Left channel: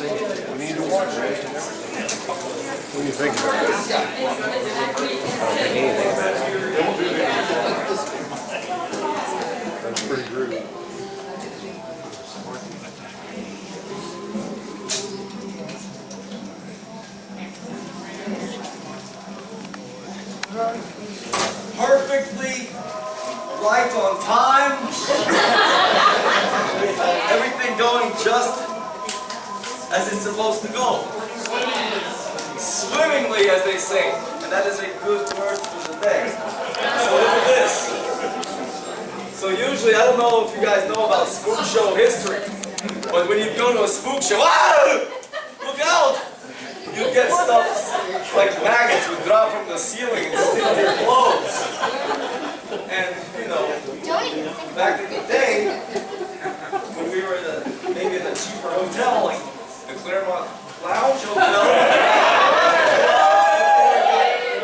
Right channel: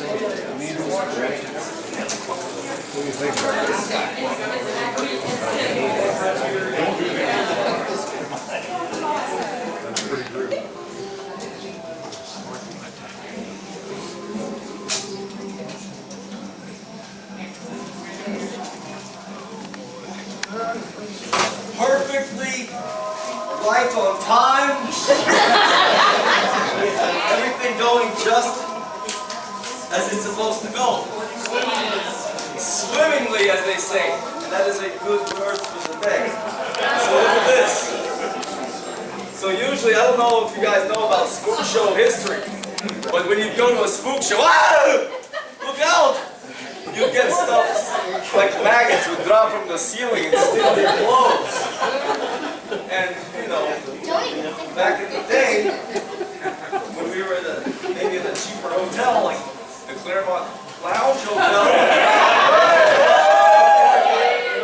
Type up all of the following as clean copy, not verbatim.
What do you think about this? That's pretty rude. Perfectly right on time. Everything going just as it's supposed to go. Swimmingly, as they say. And that is a good word for the day. So look at this. So usually, I don't know if you guys know about spook show history, but when you go to a spook show, look out! You get stuff like maggots would drop from the ceiling and stick to your clothes. And, you know, back in the day, when we were maybe in a cheaper hotel, like the Claremont Lounge Hotel,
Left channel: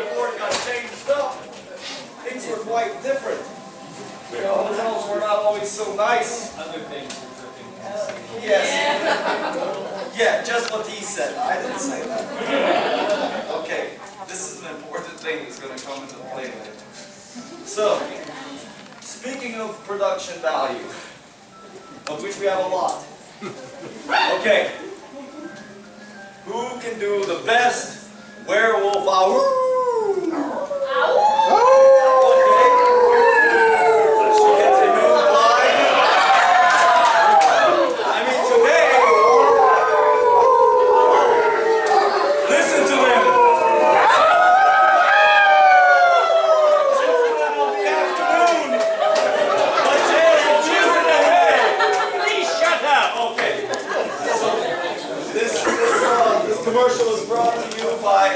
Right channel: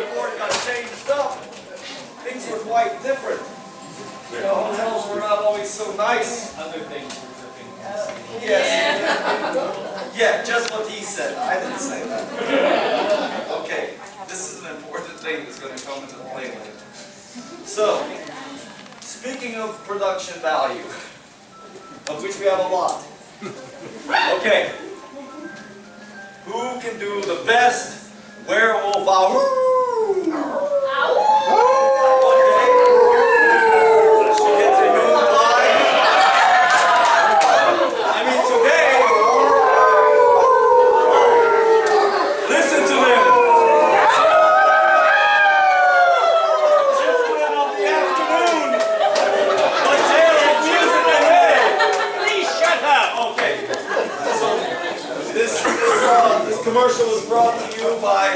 before it got changed up, things were quite different. You know, hotels were not always so nice. Other things were dripping. Yes. Yeah, just what he said. I didn't say that. Okay, this is an important thing that's going to come into play later. So, speaking of production value, of which we have a lot. Okay, who can do the best werewolf owl? Commercial is brought to you by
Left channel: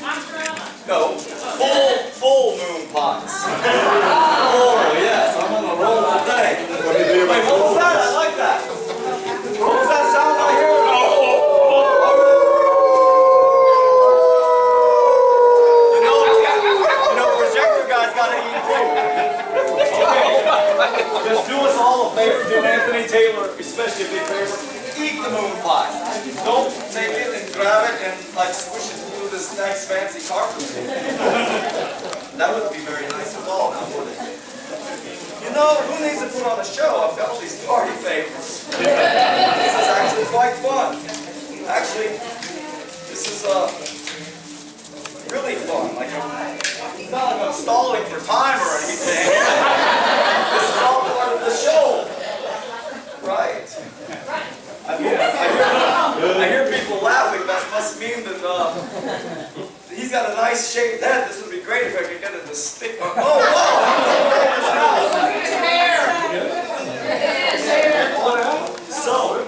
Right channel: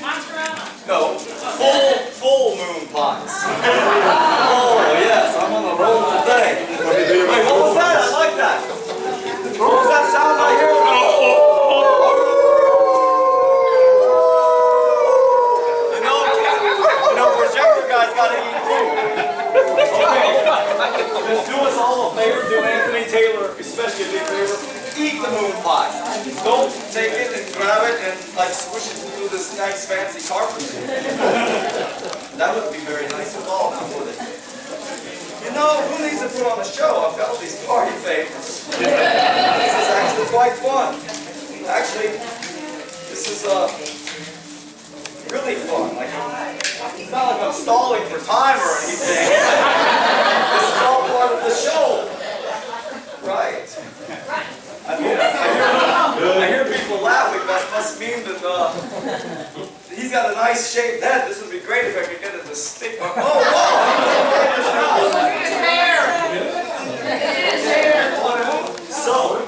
Monsterama. no, full moon pies. Oh yes, I'm on the roll today. Wait, what was that? I like that. What was that sound I hear? You know, projector guys gotta eat too. Okay, just do us all a favor, do Anthony Taylor, especially a big favor. Eat the moon pie. Don't take it and grab it and like squish it through this nice fancy carpet. That wouldn't be very nice at all, now would it? You know, who needs to put on a show? I've got all these party favorites. This is actually quite fun. Actually, this is really fun. Like, it's not like I'm stalling for time or anything. This is all part of the show. Right. I hear people laughing. That must mean that he's got a nice shaped head. This would be great if I could get it to stick. Oh, so,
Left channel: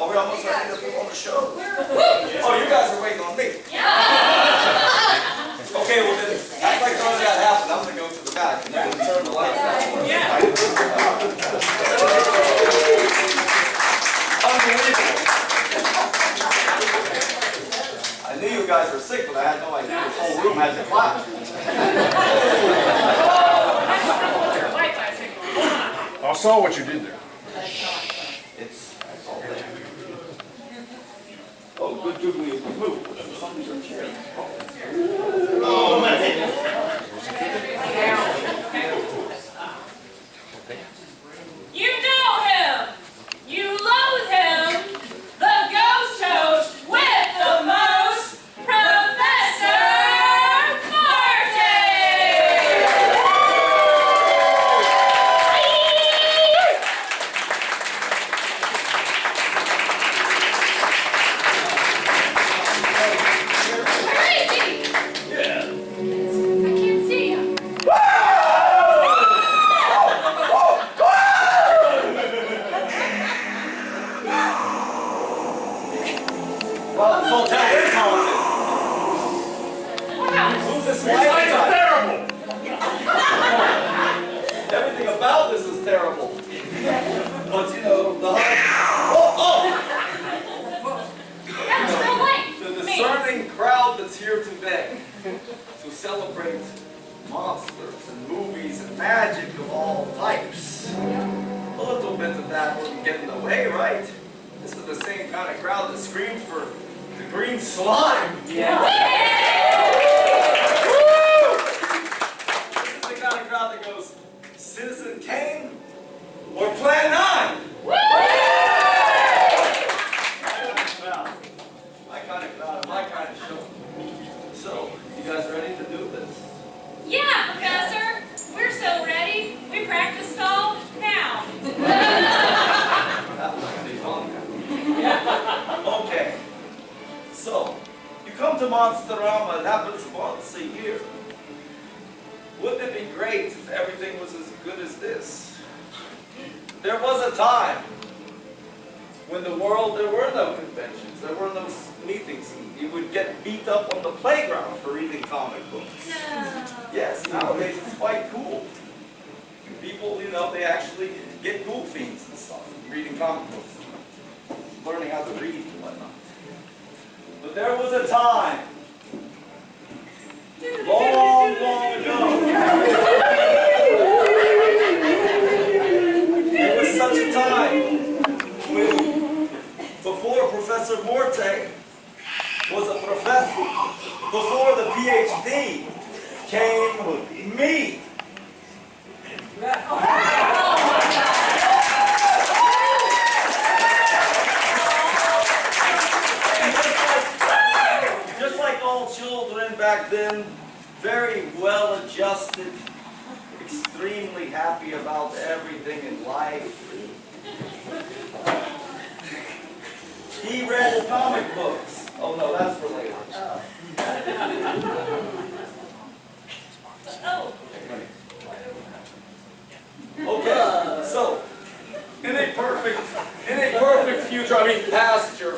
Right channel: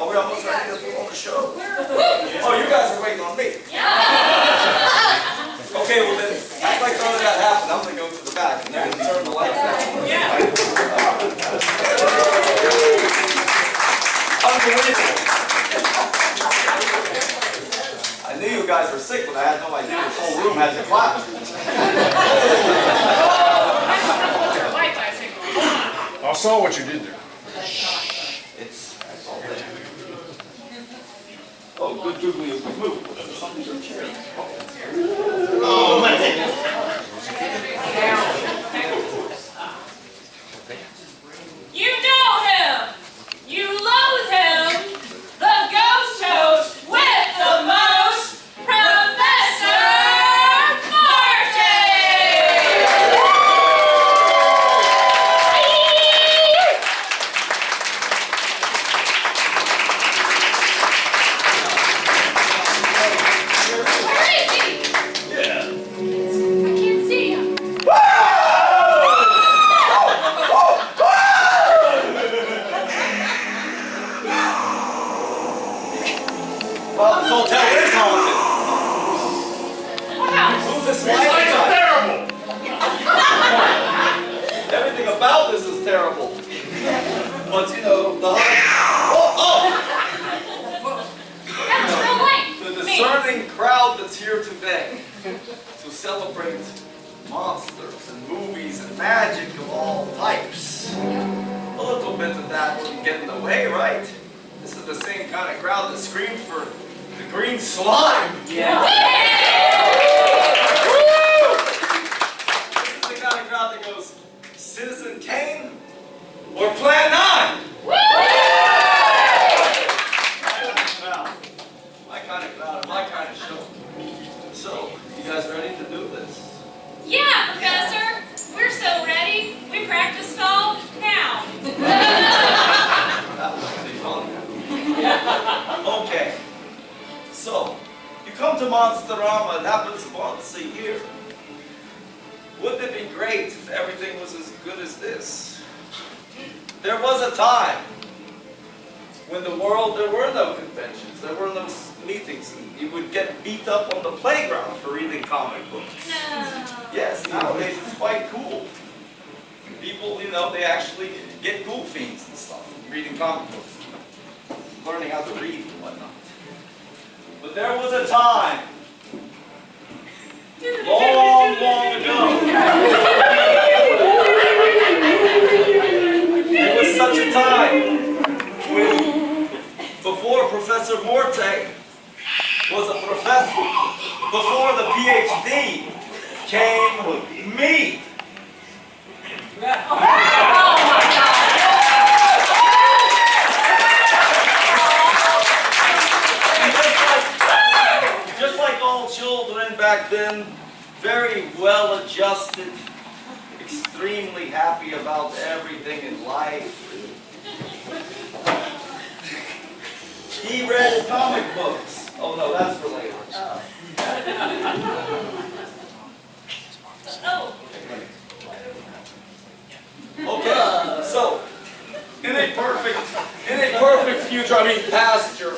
are we almost ready to put on the show? Oh, you guys are waiting on me. Okay, well then, act like none of that happened. I'm going to go to the back and then turn the lights down. Unbelievable. I knew you guys were sick, but I had no idea this whole room had to clap. I saw what you did there. It's all there. Oh, good googly move. Oh, man. You know him! You loathe him! The ghost host with the most, Professor Martin! Where is he? Yeah. I can't see him. Well, this hotel is haunted. Wow. Who's this light guy? Terrible. Everything about this is terrible. But you know, the That was Bill Wayne. the discerning crowd that's here today to celebrate monsters and movies and magic of all types. A little bit of that wouldn't get in the way, right? This is the same kind of crowd that screamed for the green slime. Yeah. Woo! This is the kind of crowd that goes, Citizen Kane or Plan 9? My kind of crowd, my kind of show. So, you guys ready to do this? Yeah, Professor. We're so ready. We practiced all now. That was pretty fun. Okay. So, you come to Monsterama, it happens once a year. Wouldn't it be great if everything was as good as this? There was a time when there were no conventions, there were no meetings, and you would get beat up on the playground for reading comic books. No. Yes, nowadays it's quite cool. People, you know, they actually get cool fiends and stuff, reading comic books, learning how to read and whatnot. But there was a time, long, long ago, there was such a time when, before Professor Morte was a professor, before the PhD came me. Just like all children back then, very well adjusted, extremely happy about everything in life. He read comic books. Oh no, that's for later. Oh. Okay, so in a perfect future, I mean past year,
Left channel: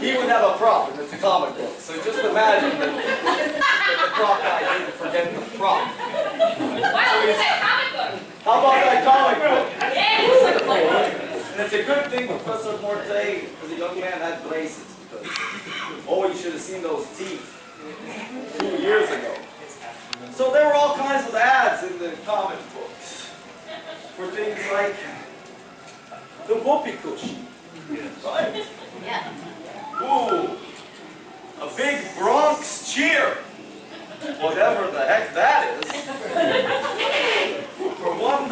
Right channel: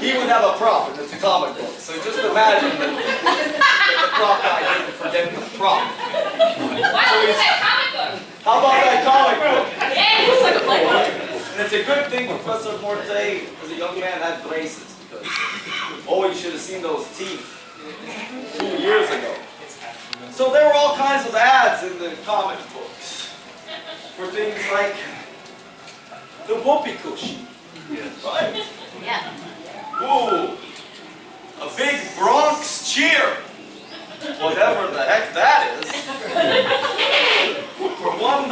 he would have a prop and it's a comic book. So just imagine that the prop guy didn't forget the prop. Why don't we say comic book? How about that comic book? Yeah, it's like a playbook. And it's a good thing Professor Morte, as a young man, had braces because, oh, you should have seen those teeth 2 years ago. So there were all kinds of ads in the comic books for things like the whoopee cushion, right? Yeah. Ooh, a big Bronx cheer, whatever the heck that is, for $1.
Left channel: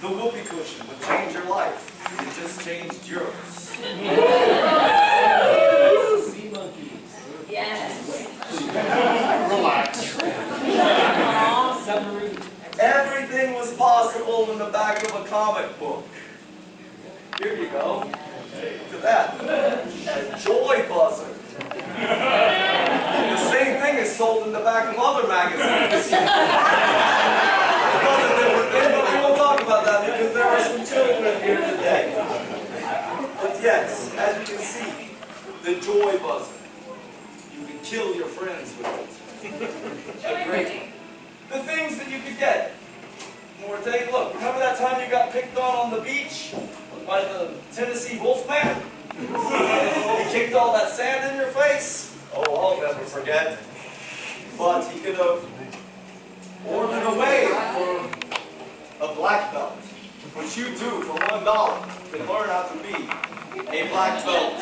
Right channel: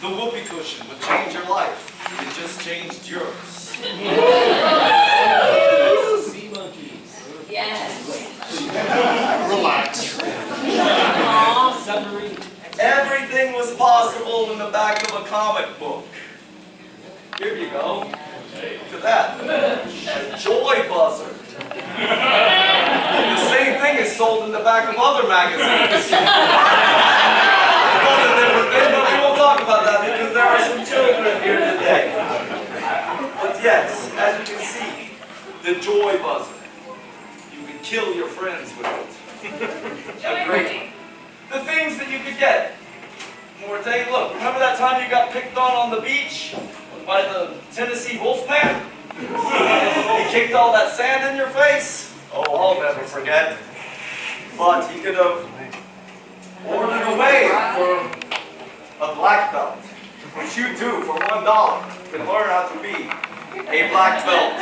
The whoopee cushion would change your life. It just changed yours. Sea monkeys. Yes. Relax. Submarine. Everything was possible in the back of a comic book. Here you go. Look at that. A joy buzzer. The same thing is sold in the back of other magazines. It was a different thing, but we won't talk about that because there are some children here today. But yes, as you can see, the joy buzzer. You can kill your friends with it. A great. The things that you could get. Morte, look, remember that time you got picked on the beach by the Tennessee Wolfman? He kicked all that sand in your face? Oh, I'll never forget. But he could have ordered away for a black belt, which you do for $1. You can learn how to be a black belt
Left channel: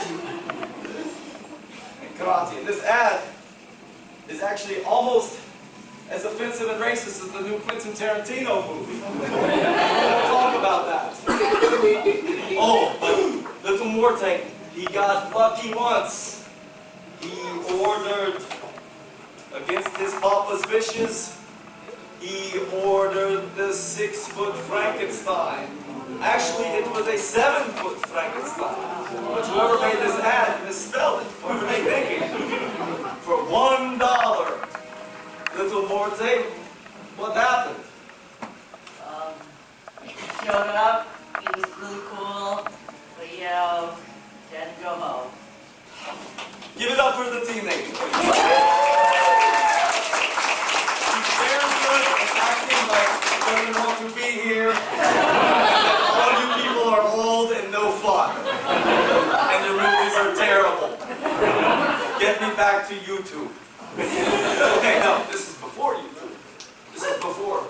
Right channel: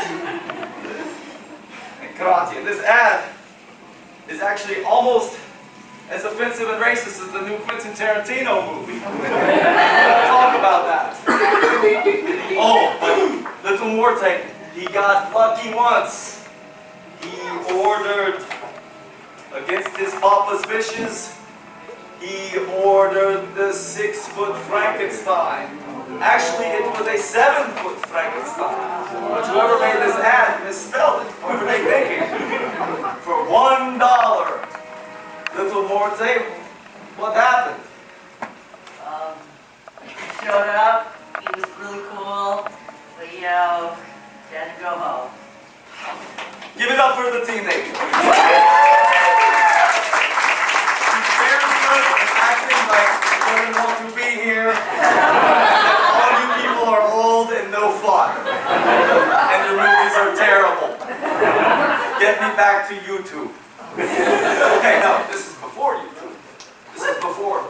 in karate. And this ad is actually almost as offensive and racist as the new Quentin Tarantino movie. We'll talk about that. Oh, but little Morte, he got lucky once. He ordered, against his papa's wishes, he ordered the 6-foot Frankenstein. Actually, it was a 7-foot Frankenstein. But whoever made this ad misspelled it. What were they thinking? For $1. Little Morte, what happened? He showed up, he was really cool, but you know, had to go home. Give it up for the teenager. He's very good at acting like he doesn't want to be here. All you people are old and no fun. And your movies are terrible. Get me back to YouTube. Okay, no, this is before YouTube. This is before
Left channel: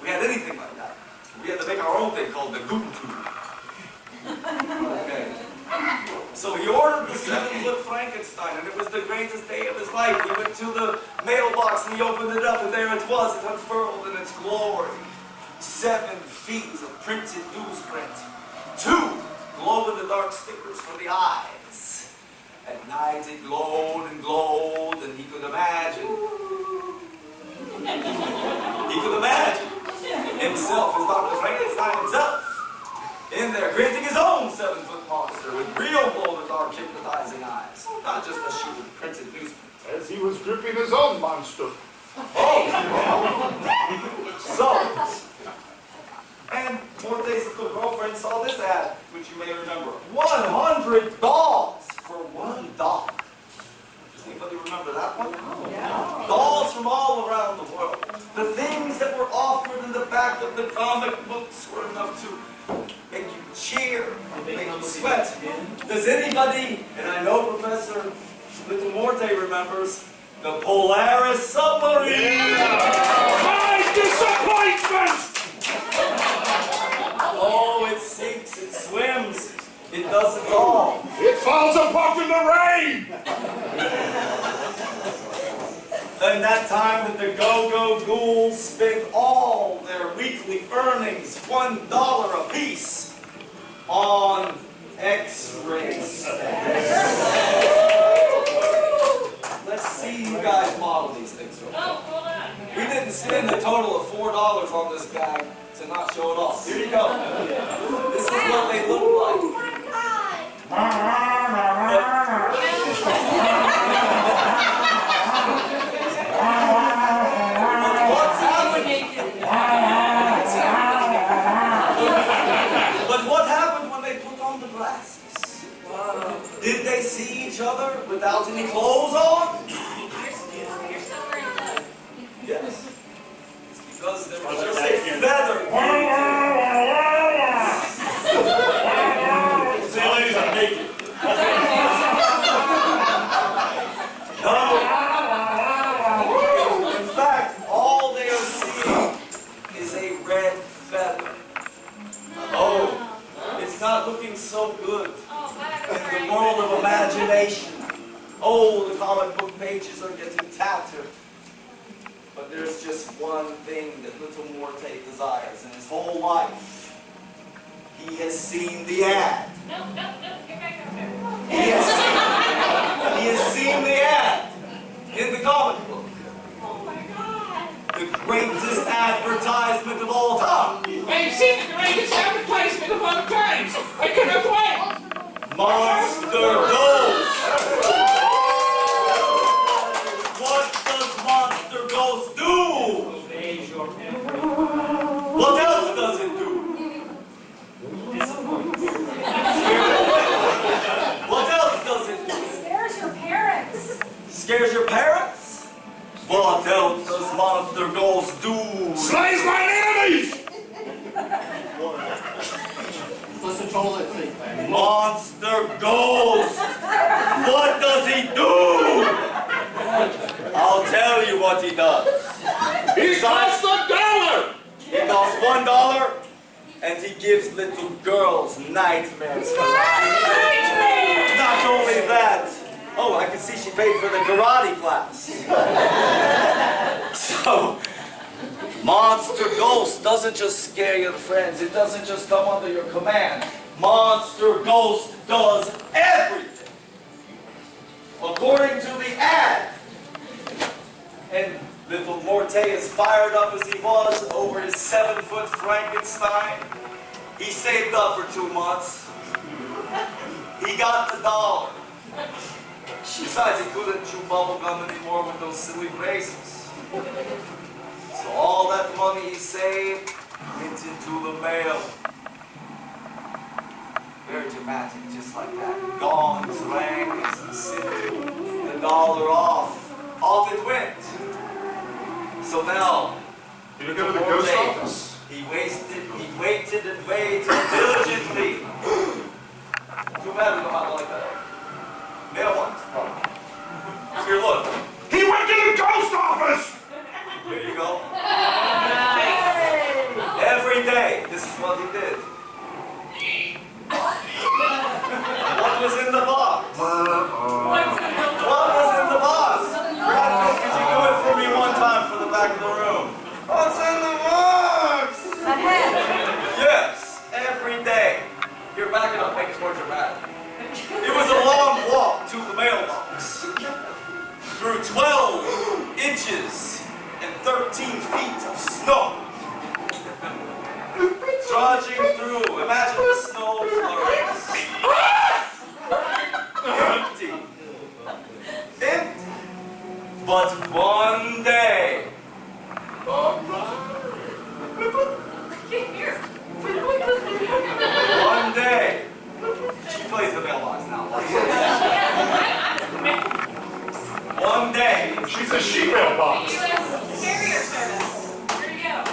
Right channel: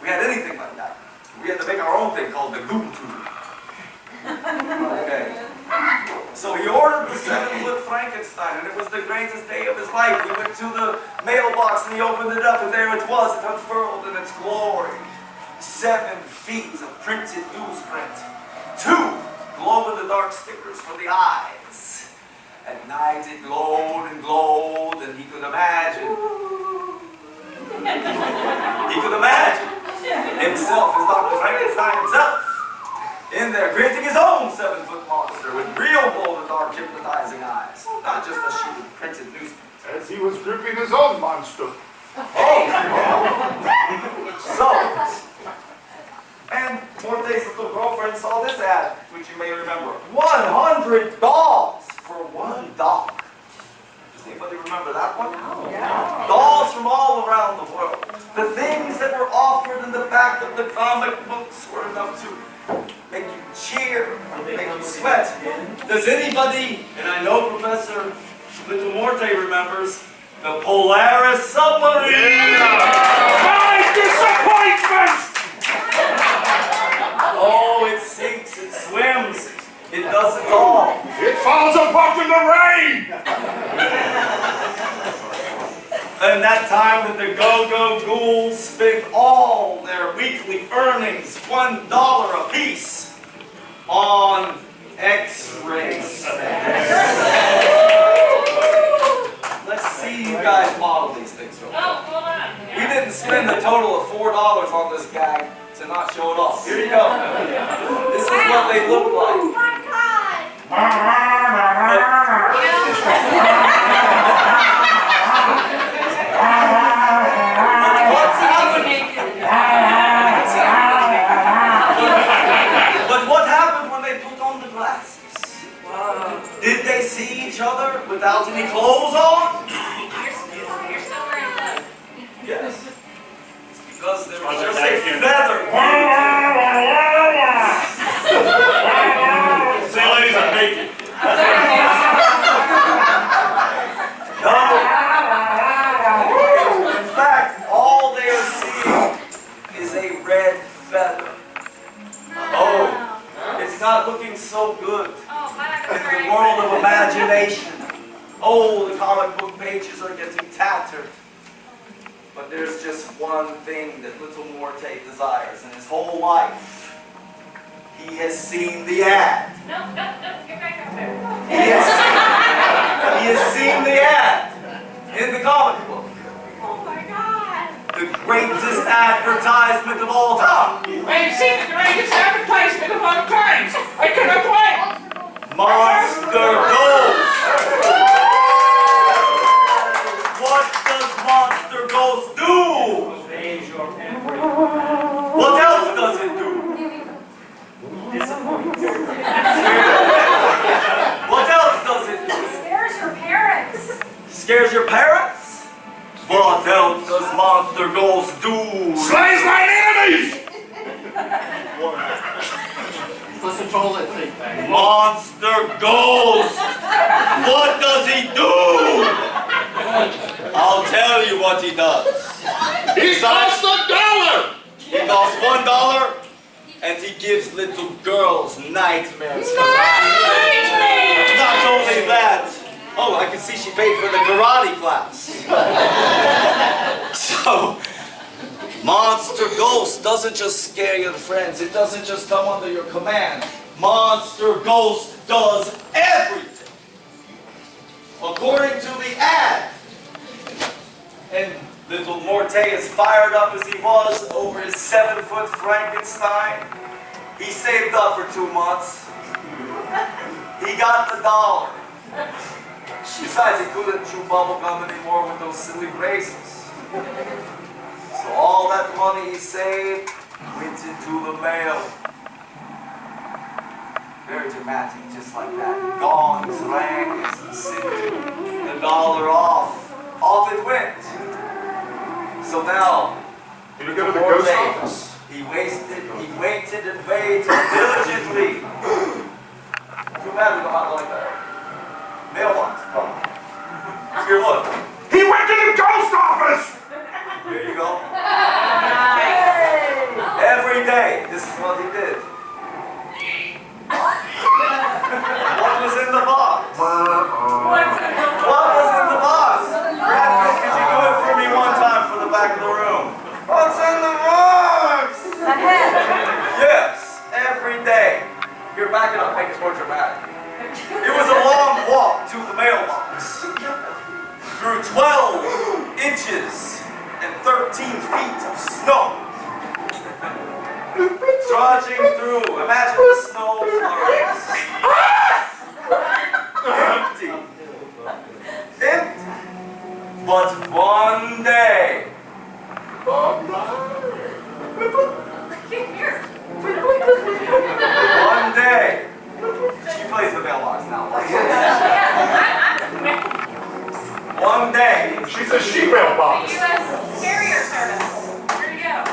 we had anything like that. We had to make our own thing called the Goon Tube. Okay. So he ordered the 7-foot Frankenstein, and it was the greatest day of his life. He went to the mailbox and he opened it up, and there it was. It unfurled in its glory. 7 feet of printed newsprint. 2 glow-in-the-dark stickers for the eyes. At night it glowed and glowed, and he could imagine. He could imagine himself as Dr. Frankenstein himself in there, creating his own 7-foot monster with real glow-in-the-dark hypnotizing eyes. Not just a sheet of printed newsprint. As he was gripping his own monster. Oh! So, and Morte's little girlfriend saw this ad, which you may remember. 100 dolls for $1. Does anybody remember that one? Yeah. Dolls from all around the world. The things that were offered in the back of the comic books were enough to make you cheer, make you sweat. Does anybody, and I know Professor Little Morte remembers, the Polaris submarine? My disappointment! Oh, it sinks, it swims, it does it all. It falls apart in the rain! And that time that the Go-Go Ghouls spent all their weekly earnings, $1 apiece, on X-rays. Let's see you guys model these things real quick. Oh, hold on. We didn't spend a total of $4 on this gag to not show it off. Here you go. This is what they look like. Oh my God! What's happening? But what happened when they put on the glasses? Did they see each other without any clothes on? You're still wearing clothes. Yes. It's because there was just a feather. Say, ladies, I'm naked. No. In fact, all they are seeing is a red feather. Oh, it's not looking so good Oh, my in the world of imagination. Oh, the comic book pages are getting tattered. But there's just one thing that Little Morte desires in his whole life. He has seen the ad. No, get back over there. He has seen the ad in the comic book. Oh my God! The greatest advertisement of all time. I've seen the greatest advertisement of all times. I cannot wait. Monster Ghost. What does Monster Ghost do? Obeys your emperor. What else does it do? What else does it do? Scares your parents! Scares your parents? What else does Monster Ghost do? Slays mine enemies! Let's control that thing, man. Monster Ghost! What does he do? I'll tell you what he does. He costs $1! He costs $1 and he gives little girls nightmares. Nightmare! Not only that, oh, I can see she paid for the karate class. So, Monster Ghost doesn't just scare your friends. It doesn't just come under your command. Monster Ghost does everything. According to the ad. And Little Morte, as fired up as he was over his 7-foot Frankenstein, he saved up for 2 months. He got the $1. Besides, he couldn't chew bubble gum anymore with those silly braces. So all that money he saved went into the mail. Very dramatic, just like that. Gongs rang as he sent the $1 off. Off it went. So now, Did you go to the ghost office? he waited and waited diligently. Too bad we don't have like a mailbox. Oh. Here, look. He went to the ghost office! Here you go. Nice! Every day, this is what he did. day, here, back it up, make it more dramatic. It was a long walk to the mailbox, through 12 inches and 13 feet of snow. Trudging through, imagine the snow flurries. Empty. Empty. But one day, one day, she plays the mailbox now. One day, She's a she-mail box. U.S. Carrier Service. Here you go.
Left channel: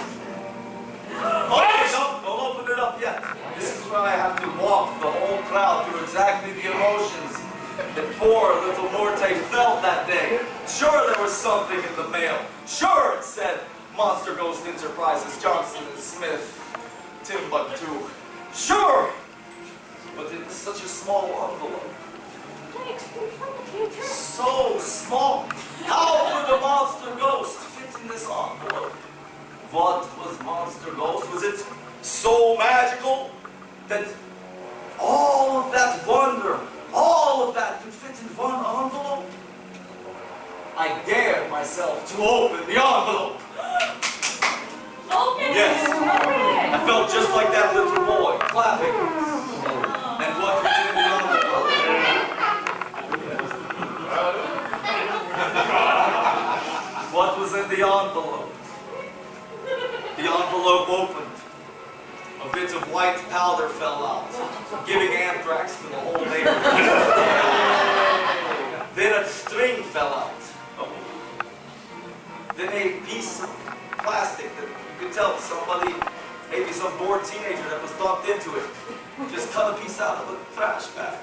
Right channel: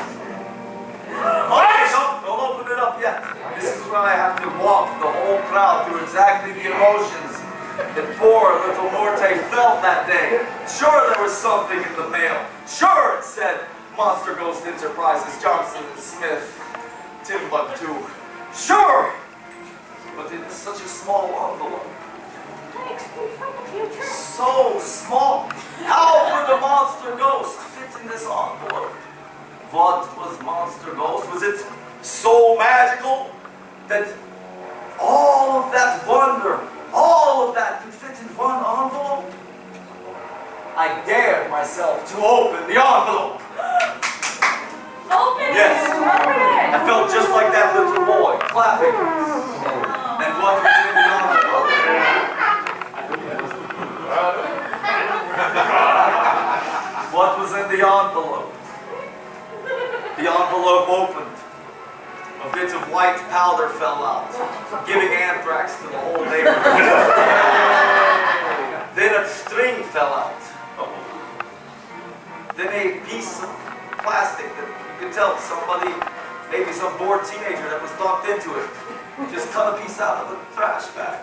okay, don't open it up yet. This is where I have to walk the whole crowd through exactly the emotions that poor little Morte felt that day. Sure, there was something in the mail. Sure, it said Monster Ghost Enterprises, Johnson & Smith, Timbuktu. Sure, but it was such a small envelope. Thanks, we from the future. So small. How could the Monster Ghost fit in this envelope? What was Monster Ghost? Was it so magical that all of that wonder, all of that could fit in one envelope? I dared myself to open the envelope. Open Yes. it. I felt just like that little boy, clapping. And what was in the envelope? What was in the envelope? The envelope opened. A bit of white powder fell out, giving anthrax to the whole neighborhood. Then a string fell out. Then a piece of plastic that you could tell somebody, maybe some bored teenager that was talked into it, just cut a piece out of the trash bag,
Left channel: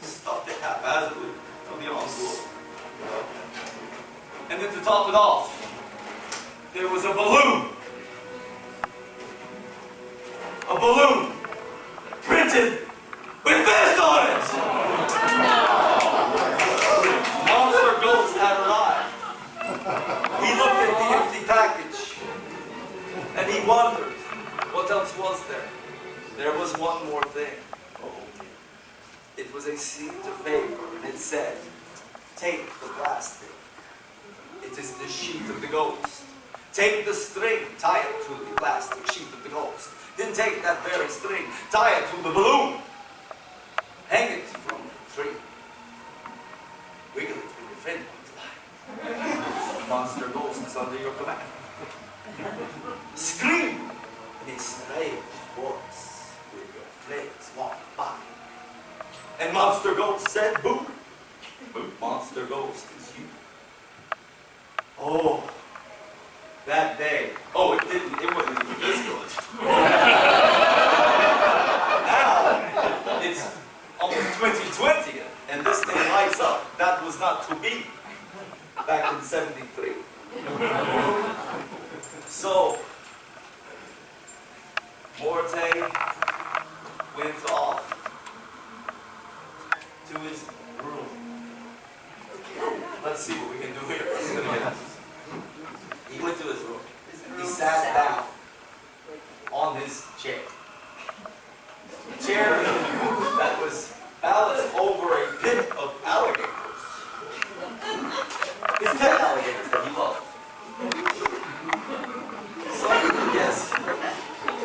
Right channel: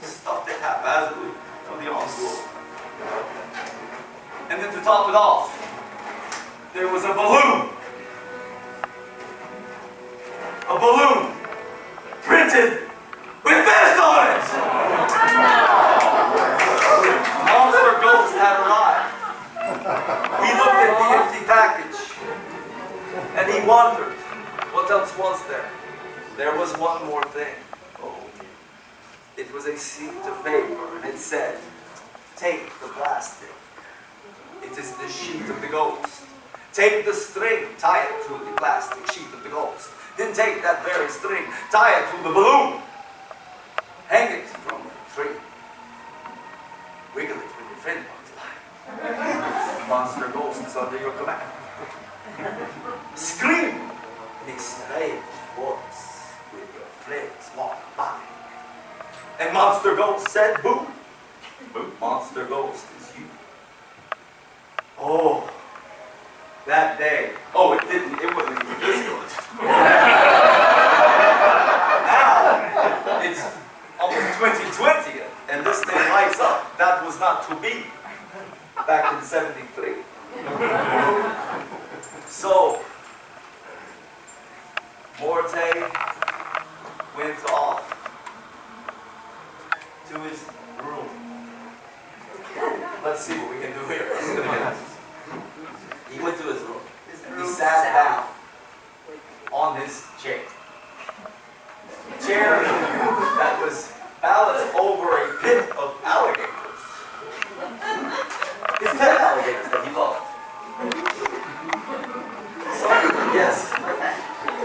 stuffed it haphazardly from the envelope. And then to top it off, there was a balloon. A balloon printed with this on it! Monster Ghost had arrived. He looked at the empty package and he wondered, what else was there? There was one more thing. It was a sheet of paper and it said, take the plastic. It is the sheet of the ghost. Take the string, tie it to the plastic sheet of the ghost. Then take that very string, tie it to the balloon. Hang it from the tree. Wiggle it when your friend comes by. Monster Ghost is under your command. Scream in a strange voice with your friends walk by. And Monster Ghost said, boo. Monster Ghost is you. Oh, that day. Oh, it wasn't even this good. Now, it's almost 2020 and this thing lights up. That was not to be back in '73. So, Morte went off to his room. Let's see what we can do here. He went to his room. He sat down on his chair. A chair that was balanced over a pit of alligators. His pet alligators that he loved. Yes.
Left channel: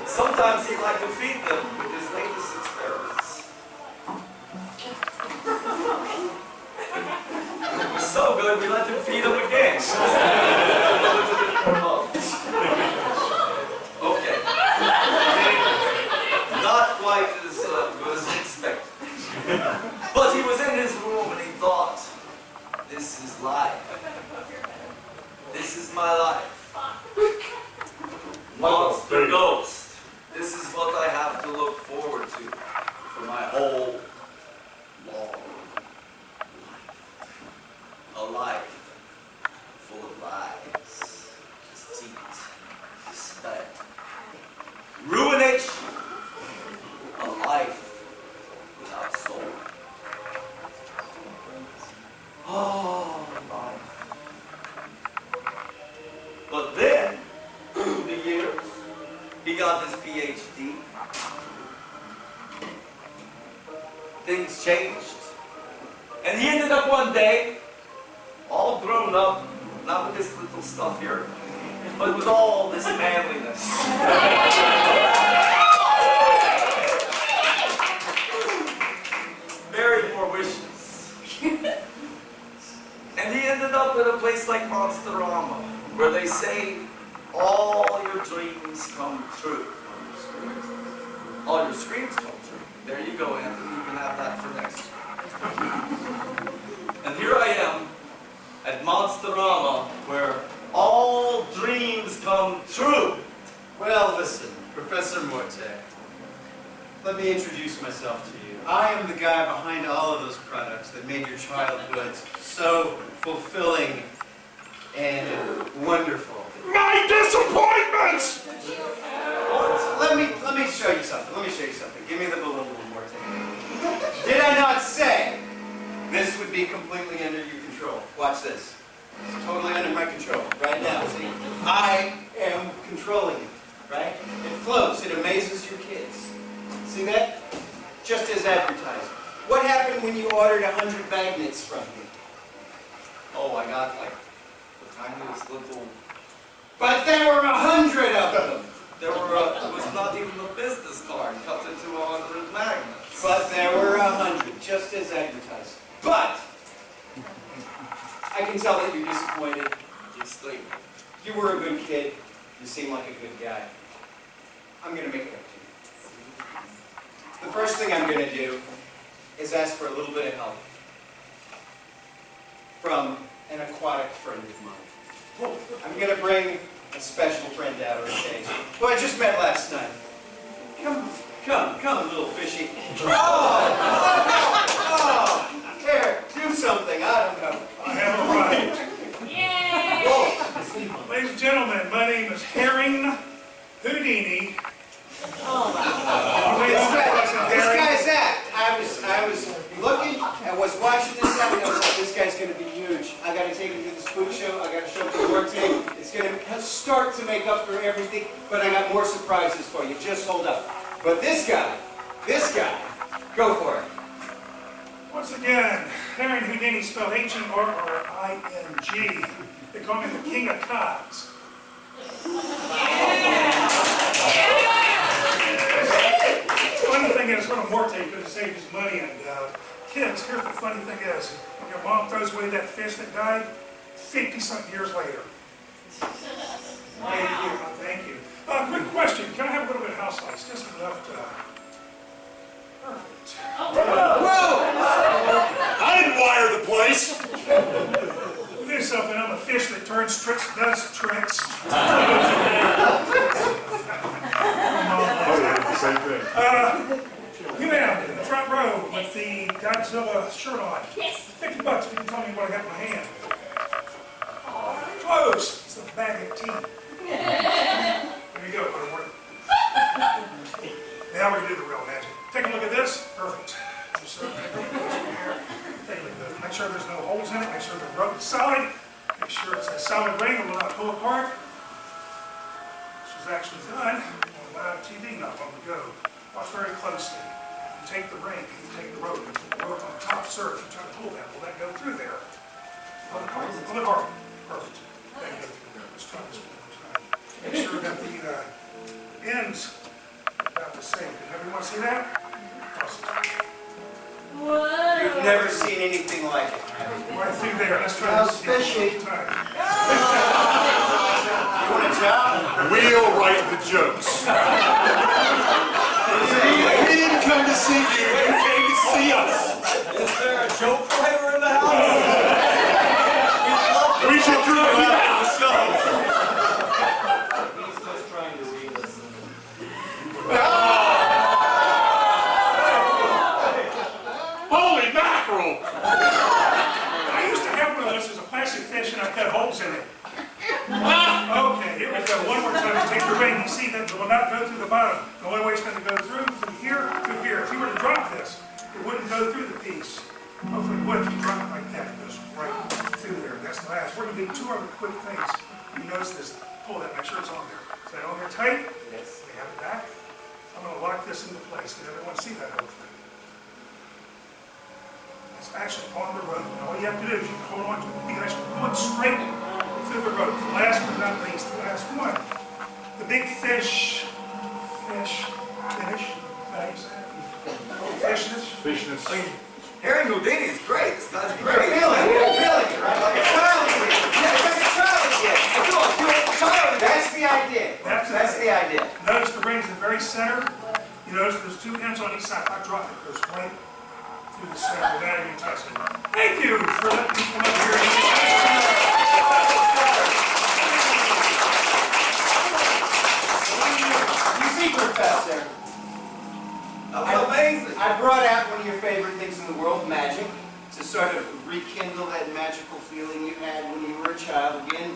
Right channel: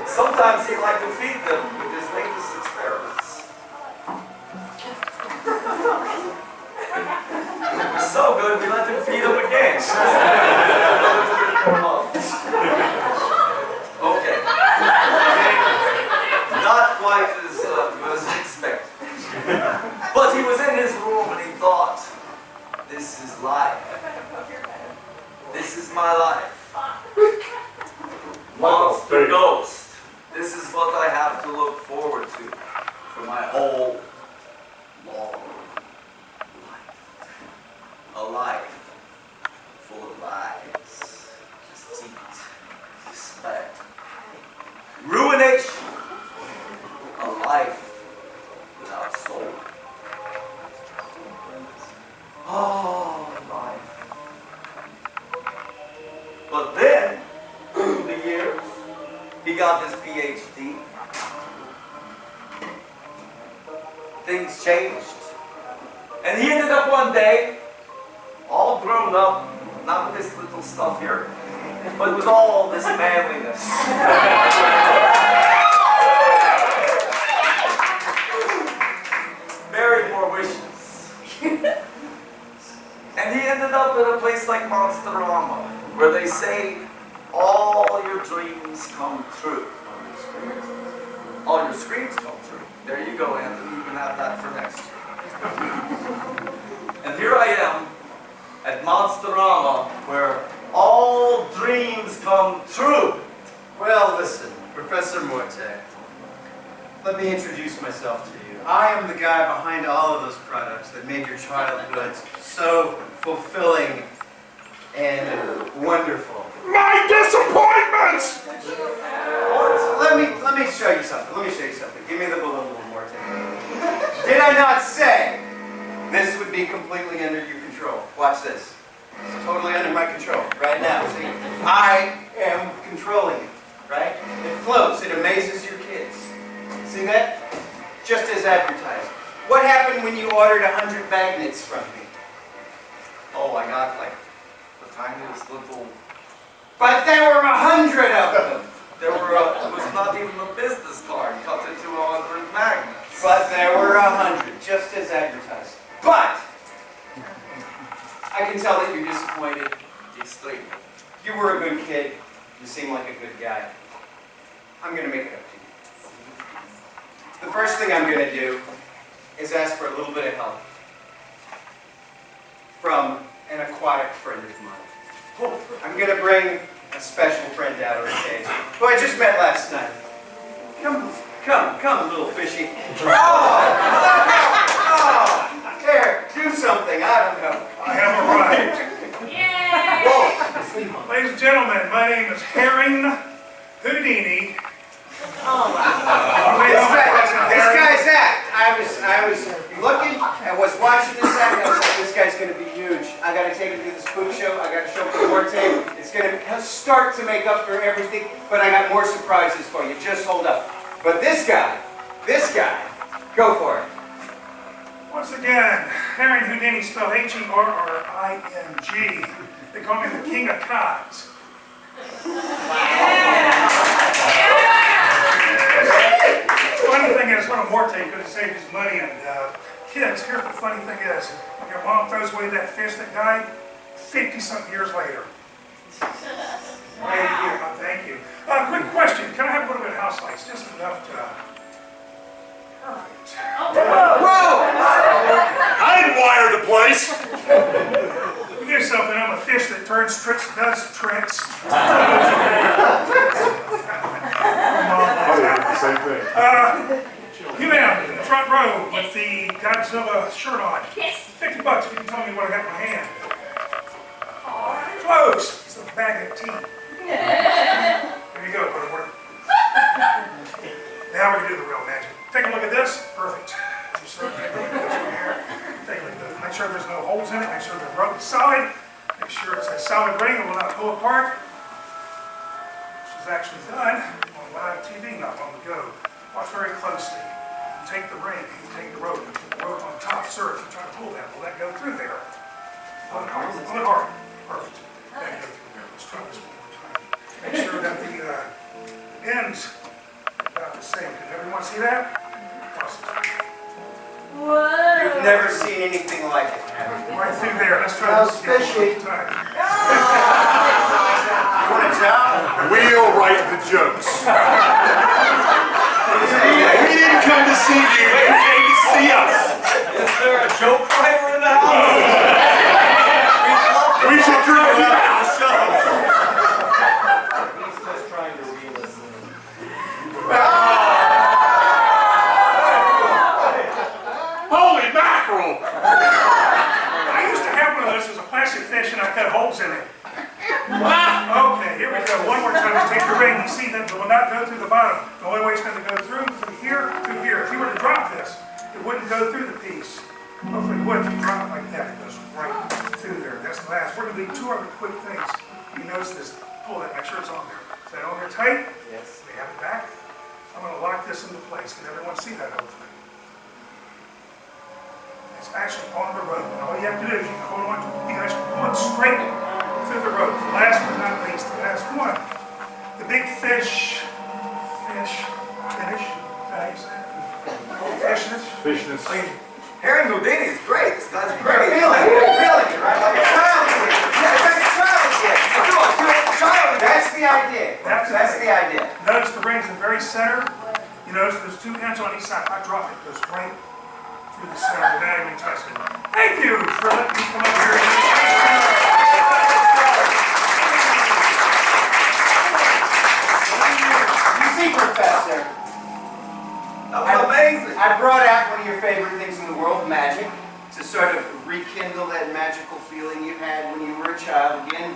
Sometimes he'd like to feed them with his latest experiments. It was so good, we let him feed them again. Okay. Not quite as good as I expected. But he was in his room and he thought, this is life. This is my life. Monster Ghost. This is what I have to look forward to for my whole long life. A life full of lies, deceit, despair, ruination. A life without soul. Oh, life. But then, through the years, he got his PhD. things changed. And he ended up one day, all grown up, not with this little stuff here, but with all this manliness. Married more wishes. And he ended up at a place like Monsterama, where they say all your dreams come true. All your screams come true. There you go, Anthony. You can have that for next year. And here I am at Monsterama, where all dreams come true. Well, listen, Professor Morte. Let me introduce myself to you. I am the guy behind all of those products that made your childhood so fulfilling and wonderful. My disappointments! Let me show you something. Let me show you something. Give me the balloon, Morte. Did I not say this would be completely under your control? Watch this. It's totally under my control right now. See? I am controlling it, right? It floats. It amazes your kids. See that? Just as advertised. What happened when you ordered 100 magnets from me? Oh, I got like the tiniest little. But there were 100 of them. There were. It was not even a business card cut into 100 magnets. But there were 100, just as advertised. But I can tell that you're disappointed. Extremely. You were a good kid. You seem like a good guy. I'm going to make it up to you. The first thing I'm going to do is ask for a little bit of help from an aquatic friend of mine. I'm going to bring a special friend out of the cage, who I just met last night. Come, little fishy. Oh, here, do something. I don't know. I have arrived. Yay! Whoa. Ladies and gentlemen, my name is Herring Houdini. This guy's act. I was looking, I was watching this act, and I was like, this guy's going to be huge. I got to take him to the Spook show. I got to show him the Morte. It's going to start to make up for everything, but I got more surprises for you. Just hold up. But this guy, go for it. Once again, Herring Houdini spelled H-E-R-R-I-N-G. They call me the King of Cots. Funny thing is, what a Morte could have saved his money. And kids, here's the funny thing is, when your mom throws away that fish that died, 50-something years later. Thank you. Quick question. Can I have a little bit of house lights? Just enough to... Perfect. Whoa! I didn't wire the place. Let me do something. I'm a fish that turns tricks, does tricks. Same thing. You man in the front row with the Godzilla shirt on. Yes. $50 if you can tell me what I got in my hand. Close. It's a bag of tea. There you go, Butterworth. Now we're going to do the real magic. Take a look at this. Perfect. Take a look at this one here. Take a look at this. Make sure there's no holes in it. Make sure the rope is solid. Make sure it's a solid grain that will not pull apart. This was actually done on live TV not long ago. Watch very closely. You take the ring, you take the rope, you put the rope on top, sir. If you try to pull that, will that go through there? On the hard. Perfect. That go through there. Let's try this one more time. Make sure that the ends are about the same. Can everyone see that? Awesome. Whoa. You've never seen anything like it. Right through there. Let's try this again one more time. You want a job? We'll write the jokes. We didn't come to see you, you came to see us. Is there a joke writer in the house? We should drive you out of the show. He's just trying to reel us in. Holy mackerel! I used to have one of those as a plastic fish and I cut holes in it. Okay, here we go. One more time. Take the ring. You see that it will not go through the bottom. The only way it's going to go through here, through here. If you were to drop this, it wouldn't go through the piece. Hopefully it would. If you drop it like that, it goes right through there. That's the last. We're going to do two other quick things. You notice this. Pull that. Make sure it's on there. Is that on there tight? Yes. We have it back. I'm going to lock this into place. Can everyone see that hopefully? It's actually on the rope. And all you have to do is you can hold on to it. You can actually pull it straight through the rope. Last but not least, the last one. The big finish. Is that how you say it? Fishness. I mean, Harry Houdini is great. This guy's You're great. feeling it, right? Like a child here. Yeah, it's like a child here. I do, I feel like a child. That's the idea. That's the idea. Notice the ring's in the very center. You notice there's 2 pins on each side. If I drop it, it goes right through the center without even touching it. Thank you for letting me come up here. You see, Professor, That was amazing. I brought out one of your favorite things in the world, magic, to sort of rekindle that magical feeling you had when you were a child. Again,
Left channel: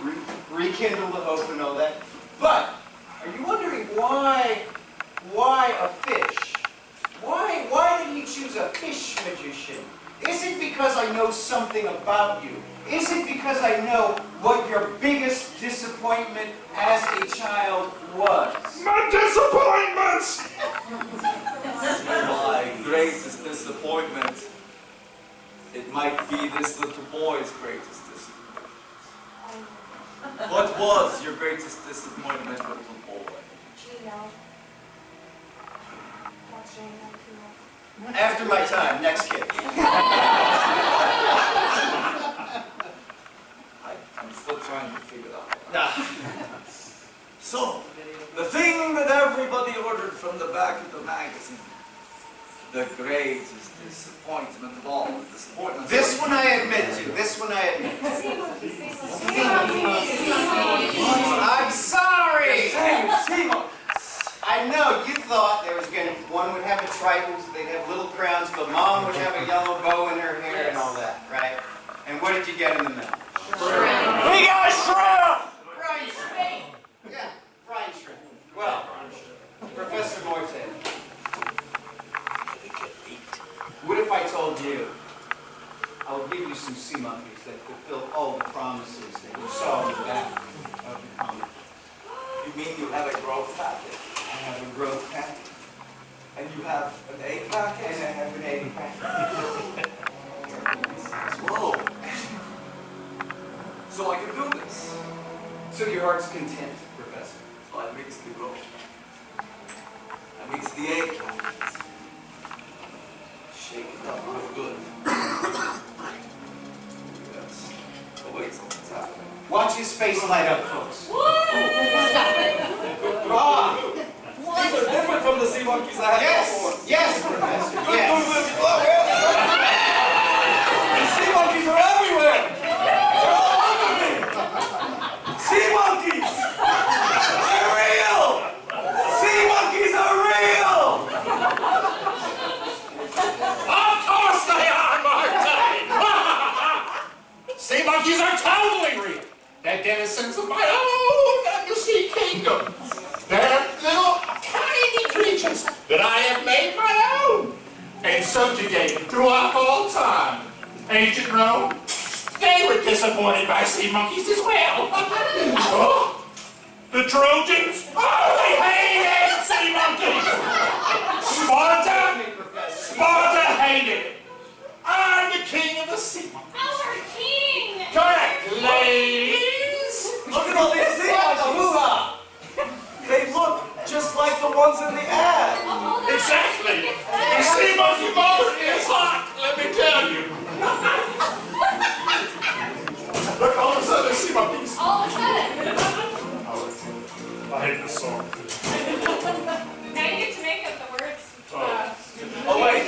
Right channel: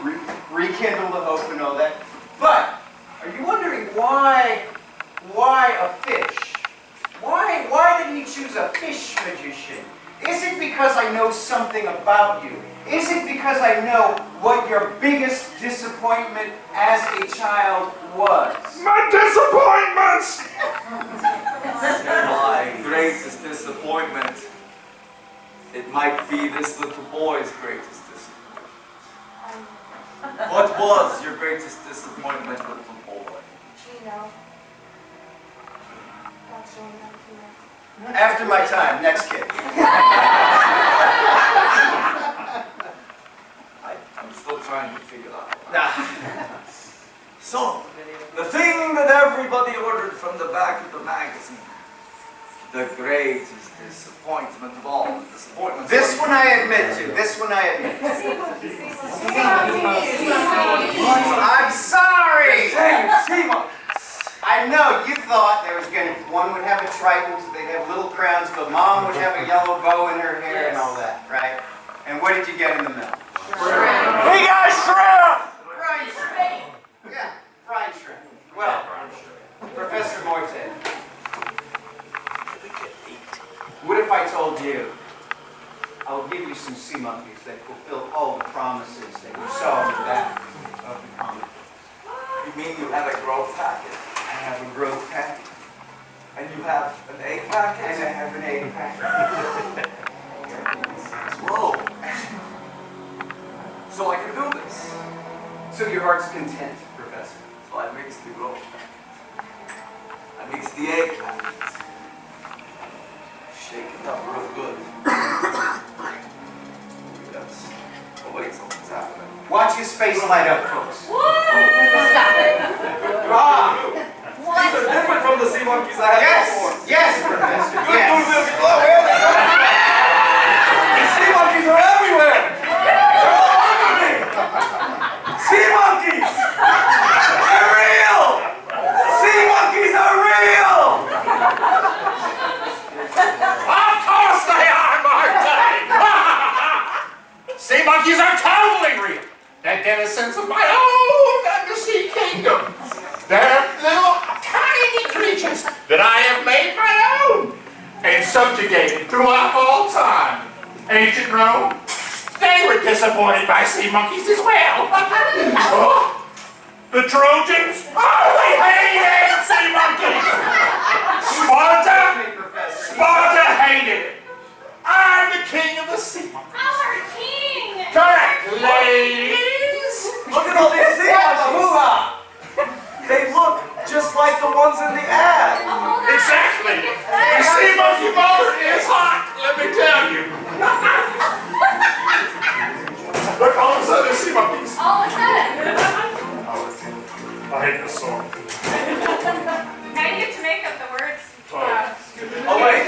rekindle the hope and all that. But, are you wondering why a fish? Why did he choose a fish magician? Is it because I know something about you? Is it because I know what your biggest disappointment as a child was? My disappointments! My greatest disappointment. It might be this little boy's greatest disappointment. What was your greatest disappointment, little boy? Gino. That's really not cute. After my time, next kid. I'm still trying to figure that out. Nah. So, the thing that everybody ordered from the back of the magazine. The greatest disappointment of all the disappointments. This one I admit to. This one I admit to. I'm sorry! Sea monkeys. I know, you thought there was going to, one would have a trident, they'd have little crowns, but mom would have a yellow bow in her hair and all that, right? And what did you get in the middle? We got shrimp! Brine shrimp. Yeah, brine shrimp. Well, Professor Morte, what if I told you I will give you some sea monkeys that fulfill all the promises that you saw in the back of the comic? You mean you have a growth packet? I have a growth packet, And you have an egg packet? and I have an egg packet. Whoa. So I can do this. So your heart's content, Professor. So I mix the growth packet. I mix the egg packet. Shake it up real good. Yes. Oh wait, something's happening. Watch his face light up, folks. Stop it. Ah! These are different from the sea monkeys I had before. Yes, Professor, Good, yes. good, good. Where are they? These sea monkeys are everywhere! They're all over me! Sea monkeys! They're real! Sea monkeys are real! Of course they are, Martin! Sea monkeys are totally real. They're denizens of my own undersea kingdom. They're little tiny creatures that I have made my own and subjugated throughout all time. Ancient Rome, they were disappointed by sea monkeys as well. Oh, the Trojans, they hated sea monkeys. Sparta hated it. I'm the king of the sea monkeys. Our king! Correct, ladies. Look at all these sea monkeys! They look just like the ones in the ad! Exactly. The sea monkey motor is hot, let me tell you. Look, all of a sudden there's sea monkeys. All of a sudden. I hate this song. Now you get to make up the words. Oh wait,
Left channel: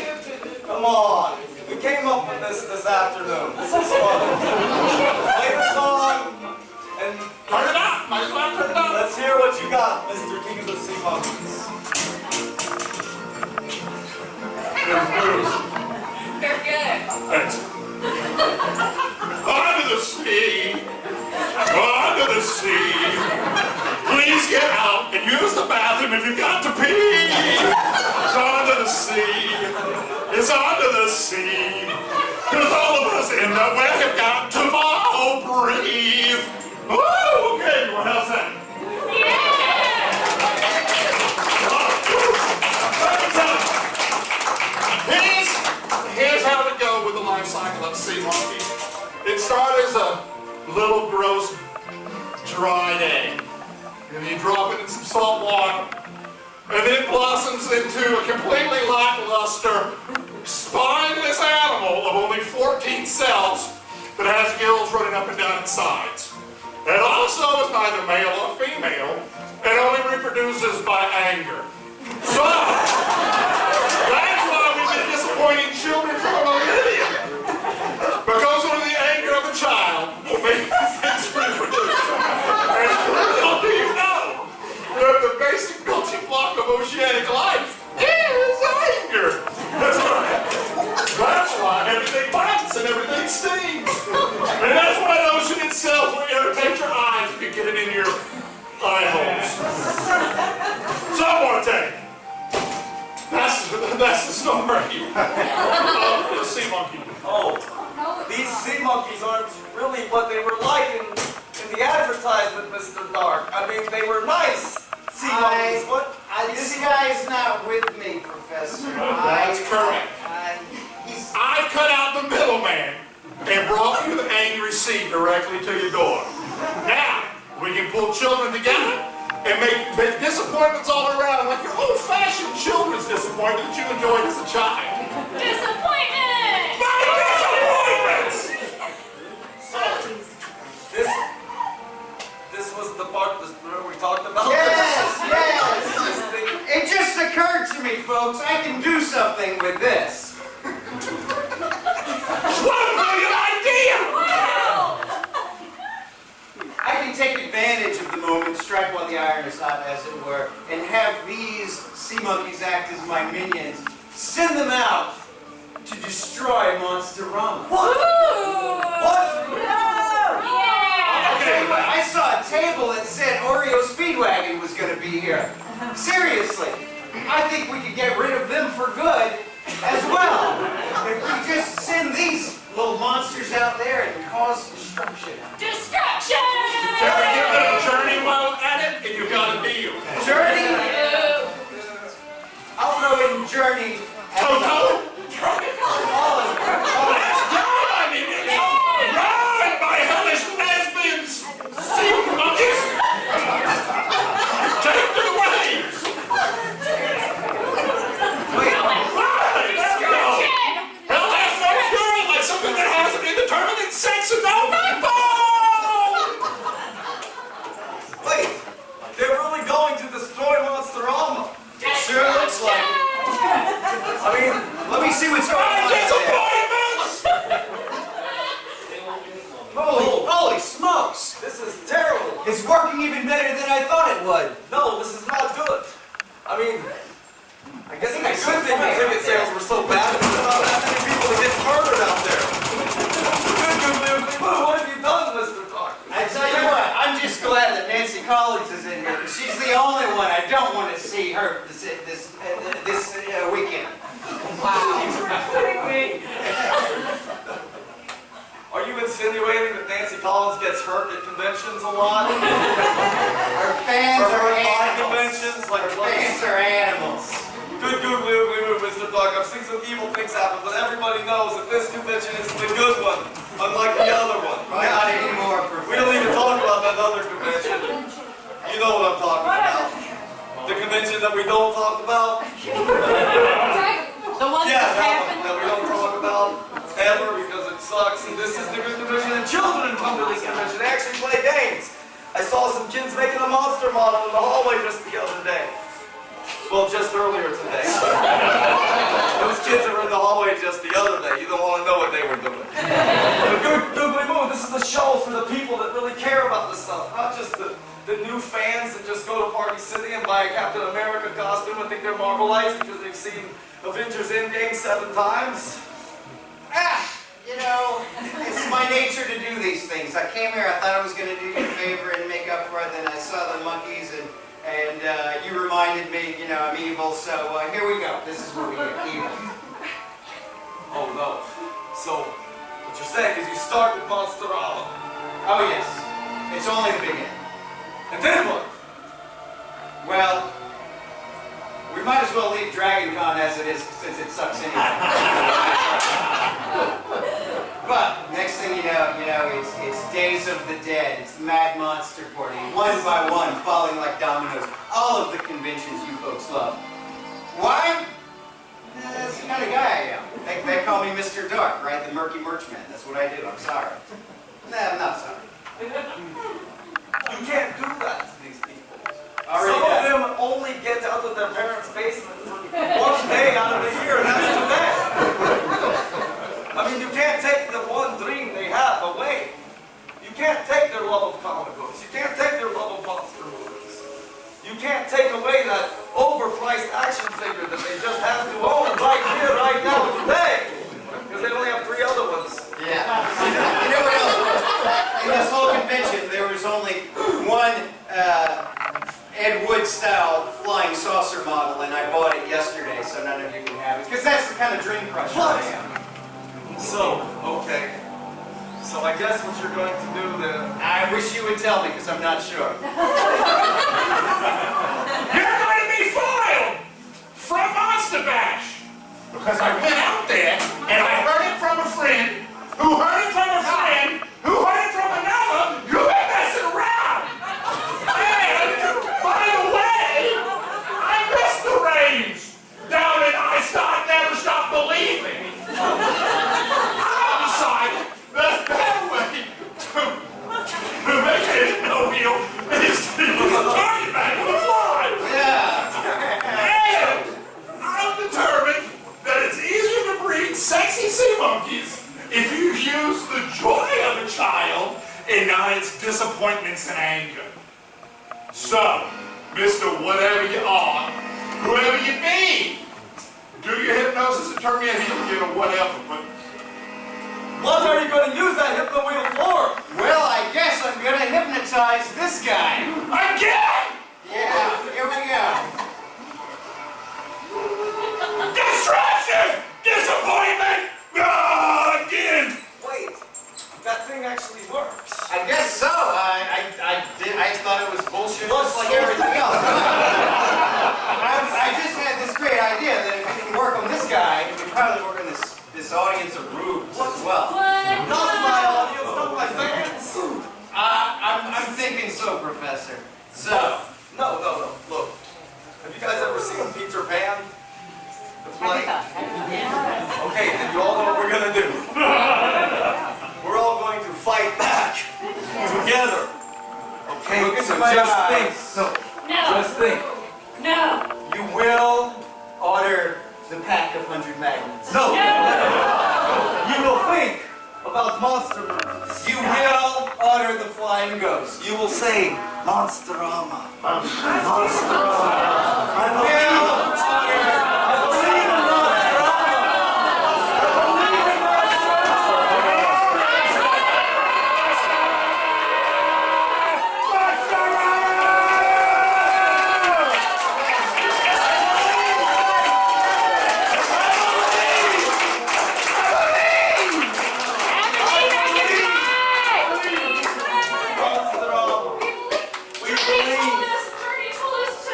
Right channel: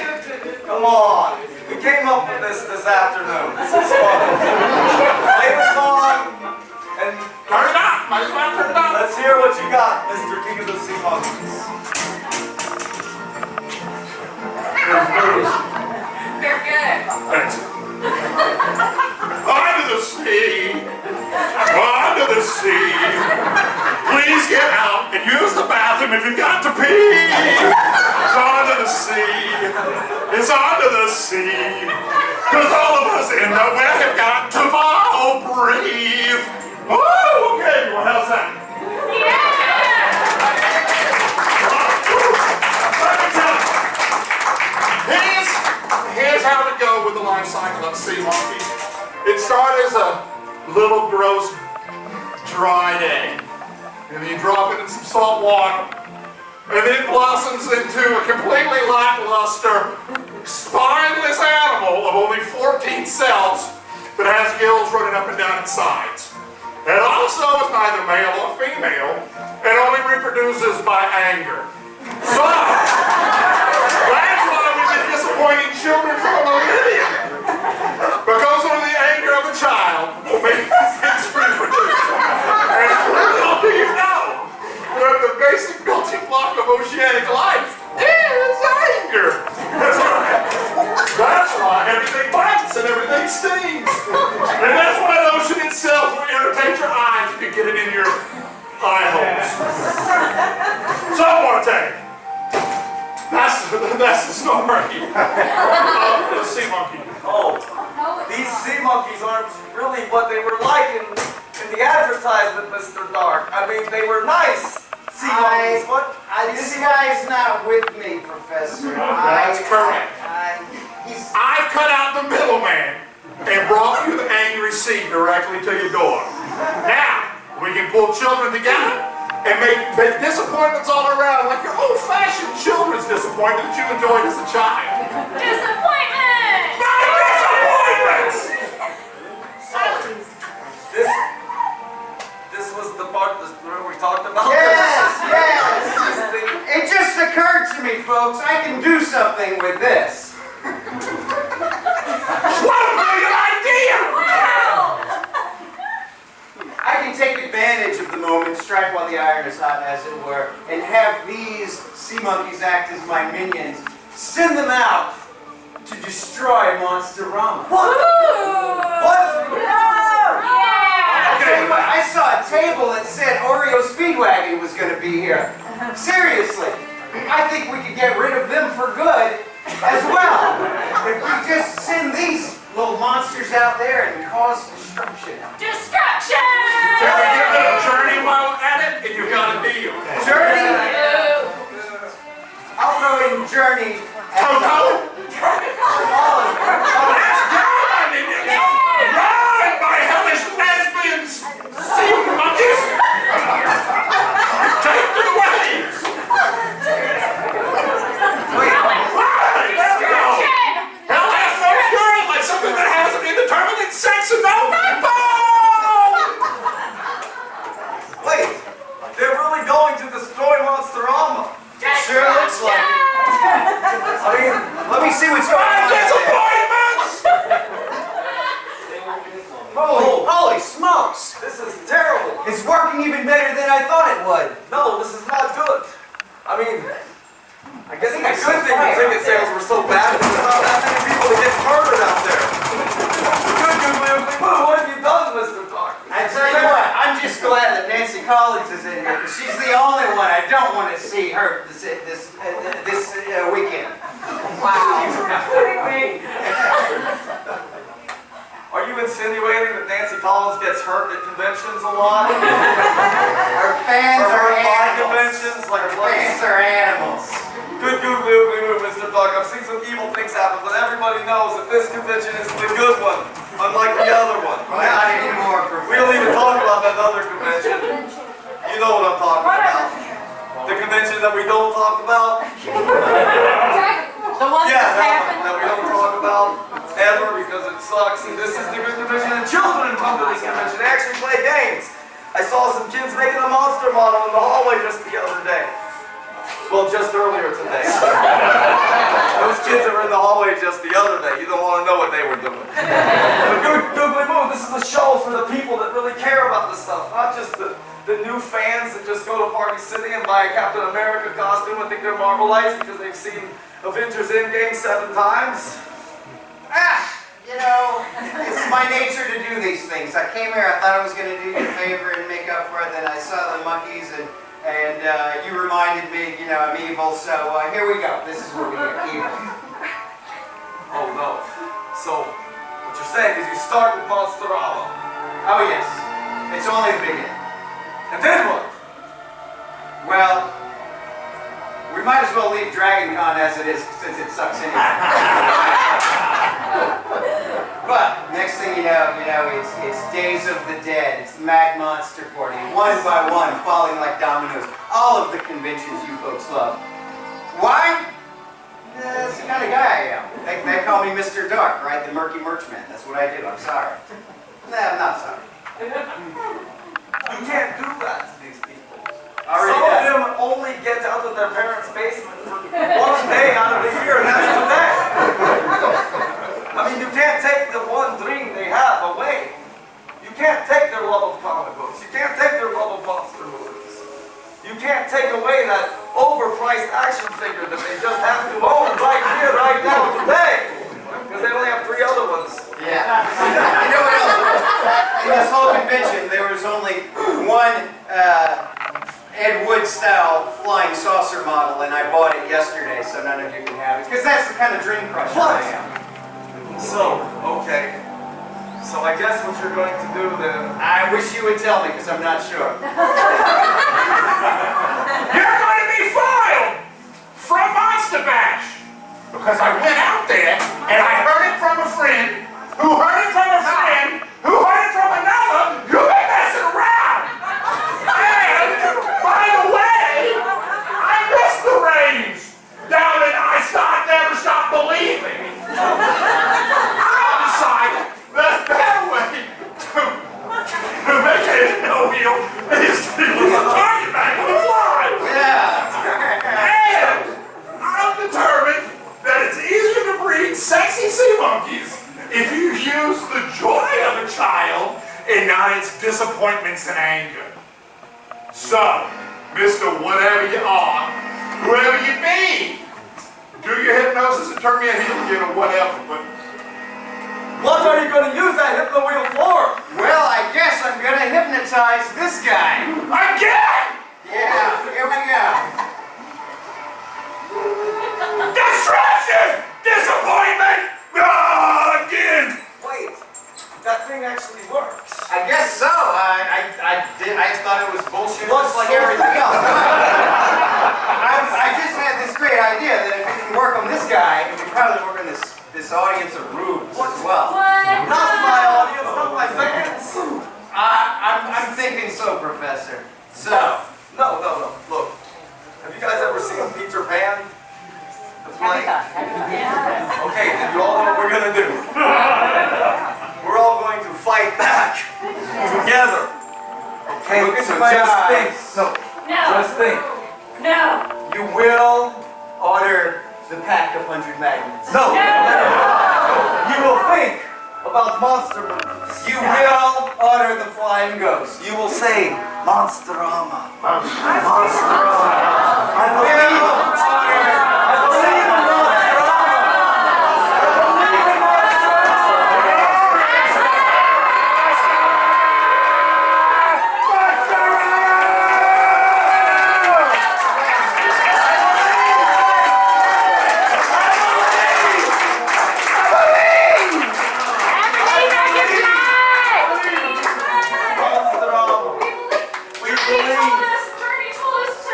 come on. We came up with this afternoon. This is fun. Play the song and Turn it up. Might as well turn it up. let's hear what you got, Mr. King of the Sea Monkeys. They're good. Thanks. Under the sea. Under the sea. Please get out and use the bathroom if you've got to pee. It's under the sea. It's under the sea. Because all of us in the well have got to all breathe. Oh, okay. Well, how's that? Let me tell you. Here's is how to go with the life cycle of sea monkey. It started as a little gross dried egg. And you drop it in some salt water. And then it blossoms into a completely lackluster, spineless animal of only 14 cells that has gills running up and down its sides. It also is neither male or female and only reproduces by anger. So, that's why we've been disappointing children for a millennia. Because of the anger of a child will make things reproduce. And little do you know that the basic building block of oceanic life is anger. That's why everything bites and everything stings. And that's why the ocean itself will irritate your eyes if you get it in your eye holes. So I want to tell you, that's the story of the sea monkey. Oh, these sea monkeys aren't really what they were like in the advertisement, Mr. Dark. I mean, they were nice sea monkeys. What? This guy's not with me, Professor. That's correct. I've cut out the middleman and brought you the angry sea directly to your door. Now, we can pull children together and make disappointments all around, like your old-fashioned children's disappointment that you enjoyed as a child. Disappointment! Not disappointments! So, this was the part that remember we talked about? Yes, yes. This thing. It just occurred to me, folks, I can do something with this. What a brilliant idea! Wow! I can take advantage of the moment, strike while the iron is hot, as it were, and have these sea monkeys act as my minions. Send them out to destroy Monsterama. What? I'll tell you what, I saw a table that said Oreo Speedwagon was going to be here. Seriously, I think we could get rid of them for good as well. If we just send these little monsters out there and cause destruction. Destruction! Can we get a little journey while we're at it? And you've got a deal. Journey? I'll throw in Journey. Toto? All of them. Let's go, my minions! Run, my hellish lesbians! Sea monkeys! Take to the waves! Hell has no fury like something that has an indeterminate sex and no backbone! Wait, they're really going to destroy Monsterama. Sure looks like it. I mean, Let me see what's going on. Disappointments! Holy smokes! this is terrible. It's working even better than I thought it would. No, this is not good. I mean, I guess I it's a think good thing the ticket sales were so bad. There's not that many people that get murdered out there. What have you done, Mr. Dark? I tell you what, I'm just glad that Nancy Collins is in here, because she's the only one I don't want to see hurt this weekend. Are you insinuating that Nancy Collins gets hurt at conventions a lot? Our fans Or are her by animals. conventions? Like Our what? fans are animals. Good googly oogly moo, Mr. Dark. I've seen some evil things happen, but everybody knows that this convention is the good one, unlike the other one. Not anymore, We don't Professor. even talk about that other convention. You know what I'm talking about. The convention that we don't talk about? The one Yeah, that's that one happened. that we don't talk about ever because it sucks. And this is the good convention, and children come to this convention. They actually play games. I saw some kids making a monster model in the hallway just the other day. Well, just earlier today. Those kids that were in the hallway just the other day, you don't want to know what they were doing. But good googly moo, this is a show for the people that really care about this stuff, not just the new fans that just go to Party City and buy a Captain America costume and think they're Marvelites because they've seen Avengers Endgame 7 times. You know, it's my nature to do these things. I came here, I thought I was going to do you a favor and make up for it, then I saw the monkeys and you reminded me, you know, I'm evil, so here we go. This is what we do, evil. Oh no. So, what you're saying is you start with Monsterama. Oh yes, it's only the beginning. And then what? Well, we might as well leave Dragon Con as it is since it sucks anyway. But next thing you know, it's Days of the Dead. It's Mad Monster Party, one by one, falling like dominoes. All of the conventions you folks love. Why? That's the kind of guy I am. They call me Mr. Dark, right? The murky merchman. That's what I do. I'm sorry. Nah, I'm not sorry. You can't do that to these people. Already Some of done. them only get out of their parents' basement for 1 day out of the year, and that's today. I mean, you can't take the one dream they have away. You can't take their love of comic books. You can't take their love of monster movies. You can't take away that overpriced action figure that they just have to own right here, right now, today. Because they only have 3 other ones. Yeah. You know what else? In this whole convention, there was only one Ed Wood-style flying saucer model, and I bought it yesterday, so none of you can have it. Because that's the kind of dream crusher I am. So, okay. So I guess what you're going to do then... I wish you would tell me, because I'm not sure. You're going to be filed from Monster Bash. Because I went out there and I heard it from a friend, who heard it from a friend, who heard it from another. You've been messing around. And, by the way, I missed the rains down in I Never Stop Believing. I decided the better way to make it no deal is to use a target bag with a fly. Yeah. And I'm determined that it's easier to breed sexy sea monkeys if you use the joy of a child and not its disappointments and anger. So, Mr. Whatever you are, whoever you be, do your hypnosis and turn me a heel again or whatever, but What are you going to use that hypno wheel for? Well, I guess I'm going to hypnotize this guy. again! Yeah, here we go. Distraction! Disappointment! Ah, again! Wait, that thing actually works. I guess so. I thought it was bullshit What's just like everything else. I just had this great idea that if it can work on this guy, it would probably work on this audience of rubes as well. Not my audience, not my fans. I'm thinking so, Professor. So, No. Look, have you guys ever seen Peter Pan? The play? Okay, then you all know what we're going to do. We're all going to fight back together. Okay, Look so into my just eyes. think. No. Just think. No. you will order the pack of 100 magnets. No. You will think about monster movies. You will order the flying ghost. You will say, Monsterama. I will order. I believe in Monsterama. We He believe. told us, Bernie told us to,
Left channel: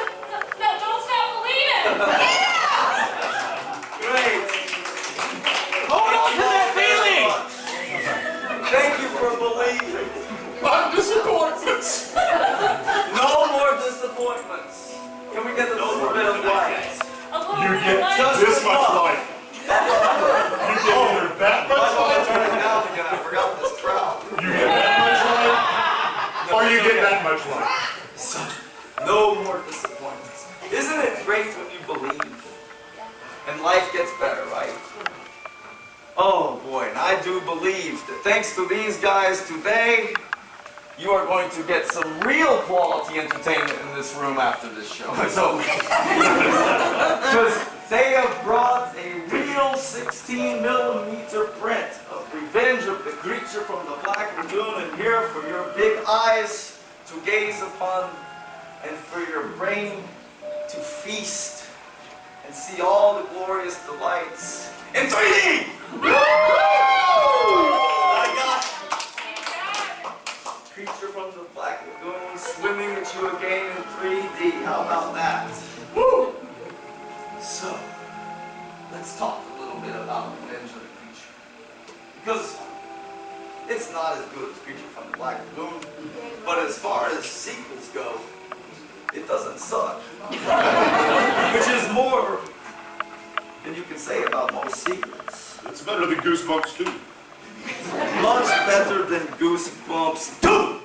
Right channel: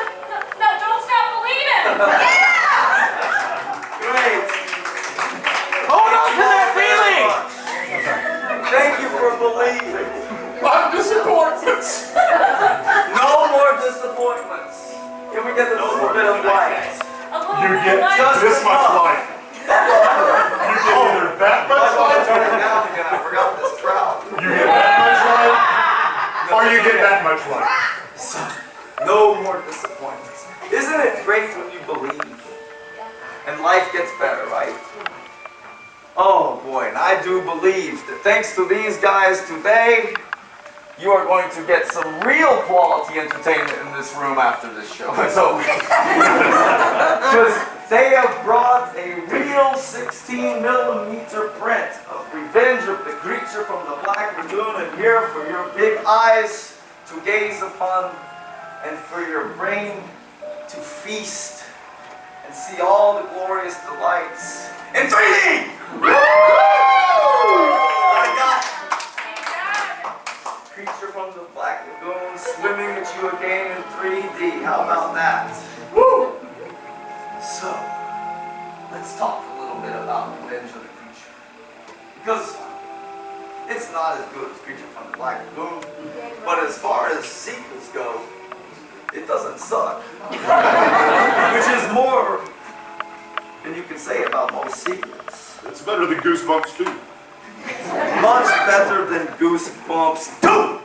no, don't stop believing. Great. Hold on to that feeling. Thank you for believing. Disappointments. No more disappointments. Can we get a little bit of light? A little You bit get of just- this much light. You get either that I much want to light, turn it down again. I forgot this crowd. you get that much light, or you get that much light. No more disappointments. Isn't it great when you believe? And life gets better, right? Oh boy, and I do believe that thanks to these guys today, you are going to get some real quality entertainment in this room after this show is over. Because they have brought a real 16mm print of Revenge of the Creature from the Black Lagoon in here for your big eyes to gaze upon and for your brain to feast and see all the glorious delights in 3D! I got Creature from the Black Lagoon swimming at you again in 3D. How about that? Woo! So, let's let's talk a little bit about Revenge of the Creature. Because it's not as good as Creature from the Black Lagoon, but as far as sequels go, it doesn't suck. Which is more than you can say about most sequels. It's better than Goosebumps too. Much better than Goosebumps 2!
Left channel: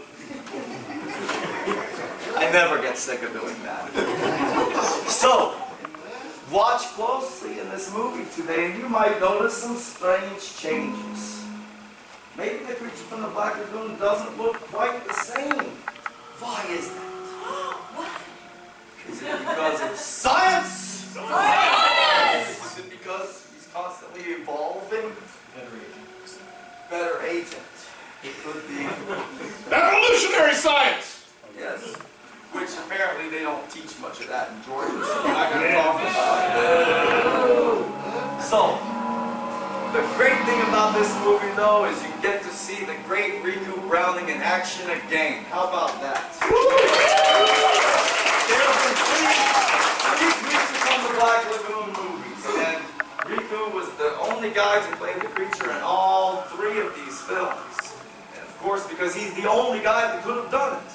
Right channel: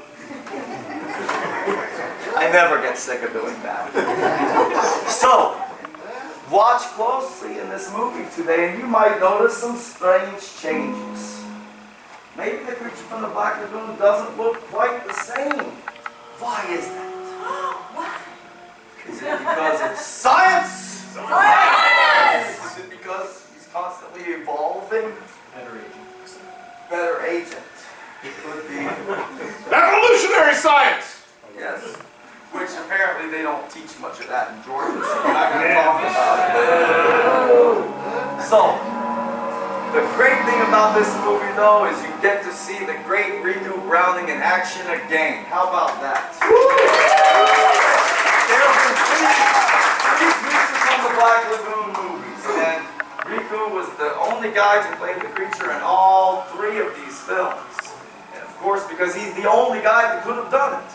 I never get sick of doing that. So, watch closely in this movie today and you might notice some strange changes. Maybe the Creature from the Black Lagoon doesn't look quite the same. Why is that? Is it because it's science? Science! Is it because he's constantly evolving? Better agent. It could be. Evolutionary science! Yes. Which apparently they don't teach much of that in Georgia, so we're not going to talk about it. So, the great thing about this movie, though, is you get to see the great Riku Browning in action again. How about that? There have been three Creature from the Black Lagoon movies, and Riku was the only guy to play the creature in all three of these films. And of course, because he's the only guy that could have done it.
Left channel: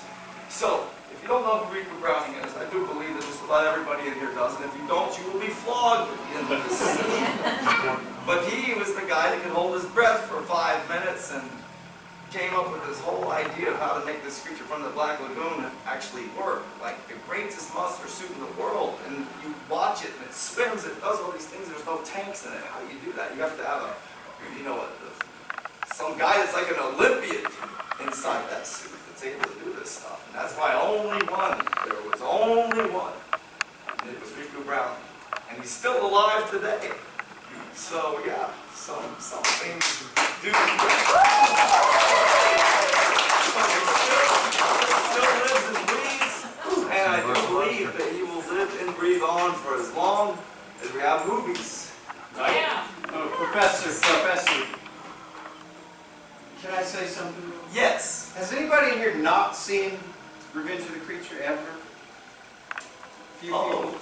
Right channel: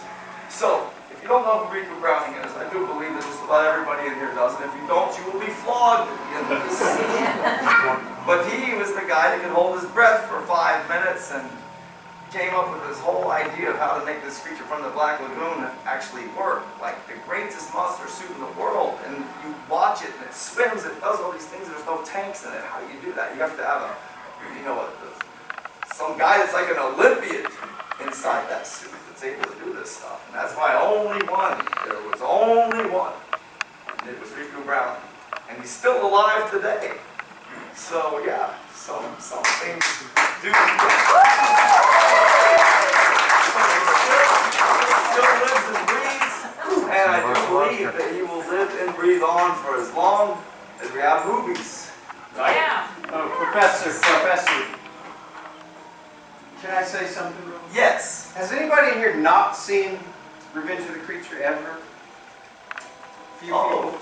So, if you don't know who Riku Browning is, I do believe that just about everybody in here does, and if you don't, you will be flogged at the end of this session. But he was the guy that could hold his breath for 5 minutes and came up with this whole idea of how to make this Creature from the Black Lagoon actually work. Like the greatest monster suit in the world, and you watch it and it spins, it does all these things, there's no tanks in it. How do you do that? You have to have some guy that's like an Olympian inside that suit that's able to do this stuff. And that's why there was only one, and it was Riku Browning. And he's still alive today. So yeah, some things do. Still lives and breathes, and I do believe that he will live and breathe on for as long as we have movies. Right? Yeah. Oh, Professor, can I say something? Yes. Has anybody here not seen Revenge of the Creature ever? Few people.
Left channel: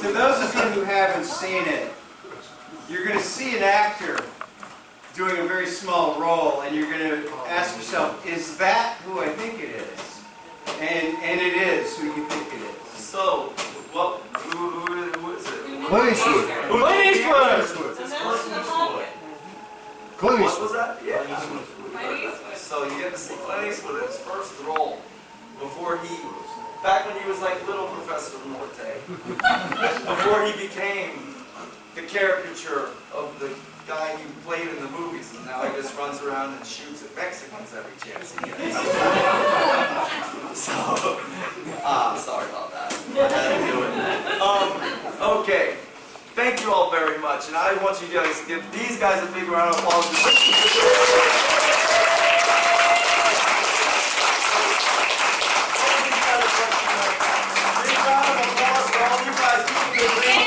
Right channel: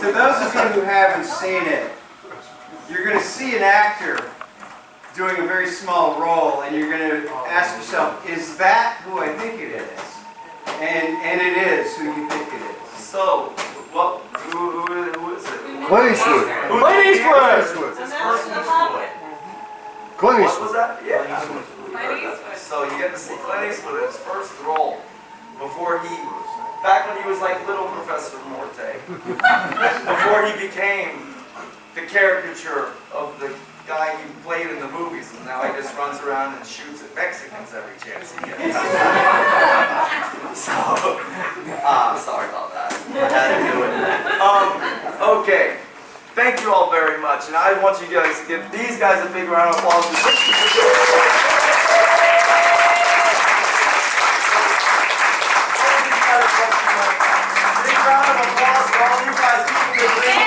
To those of you who haven't seen it, you're going to see an actor doing a very small role, and you're going to ask yourself, is that who I think it is? And it is who you think it is. So, who is it? Clint Eastwood. Clint Eastwood! And that's the puppet. Clint What Eastwood. was that? Yeah. Clint Eastwood. So you get to see Clint Eastwood in his first role back when he was like little Professor Morte, before he became the caricature of the guy he played in the movies, and now he just runs around and shoots at Mexicans every chance he gets. So, sorry about that. I had to do it. Okay. Thank you all very much, and I want you guys to give these guys a big round of applause. Big round of applause for all you guys who did this.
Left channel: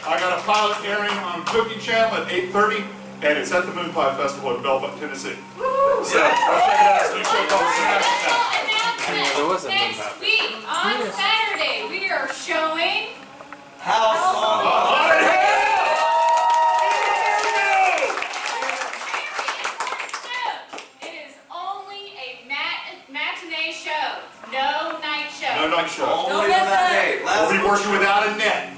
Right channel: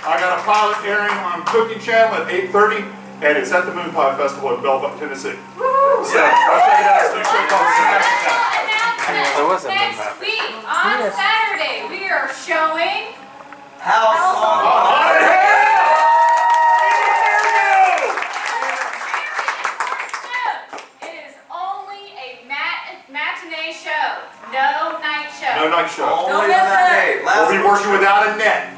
I got a pilot airing on Cooking Channel at 8:30, and it's at the Moon Pie Festival in Belleville, Tennessee. So, I'll check it out. It's a new show called Announcement. Next week on Saturday, we are showing House on Haunted Hill! It is only a matinee show, no night show. No night show. Only that day. We'll be working without a net.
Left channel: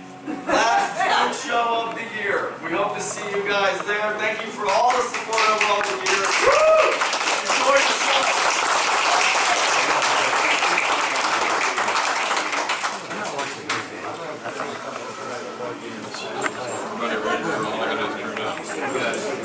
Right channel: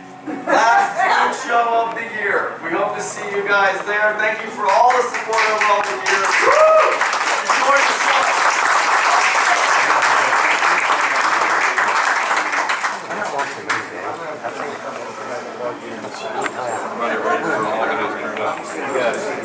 Last show of the year. We hope to see you guys there. Thank you for all the support over all the years. Enjoy the show. All I gotta do is turn it off.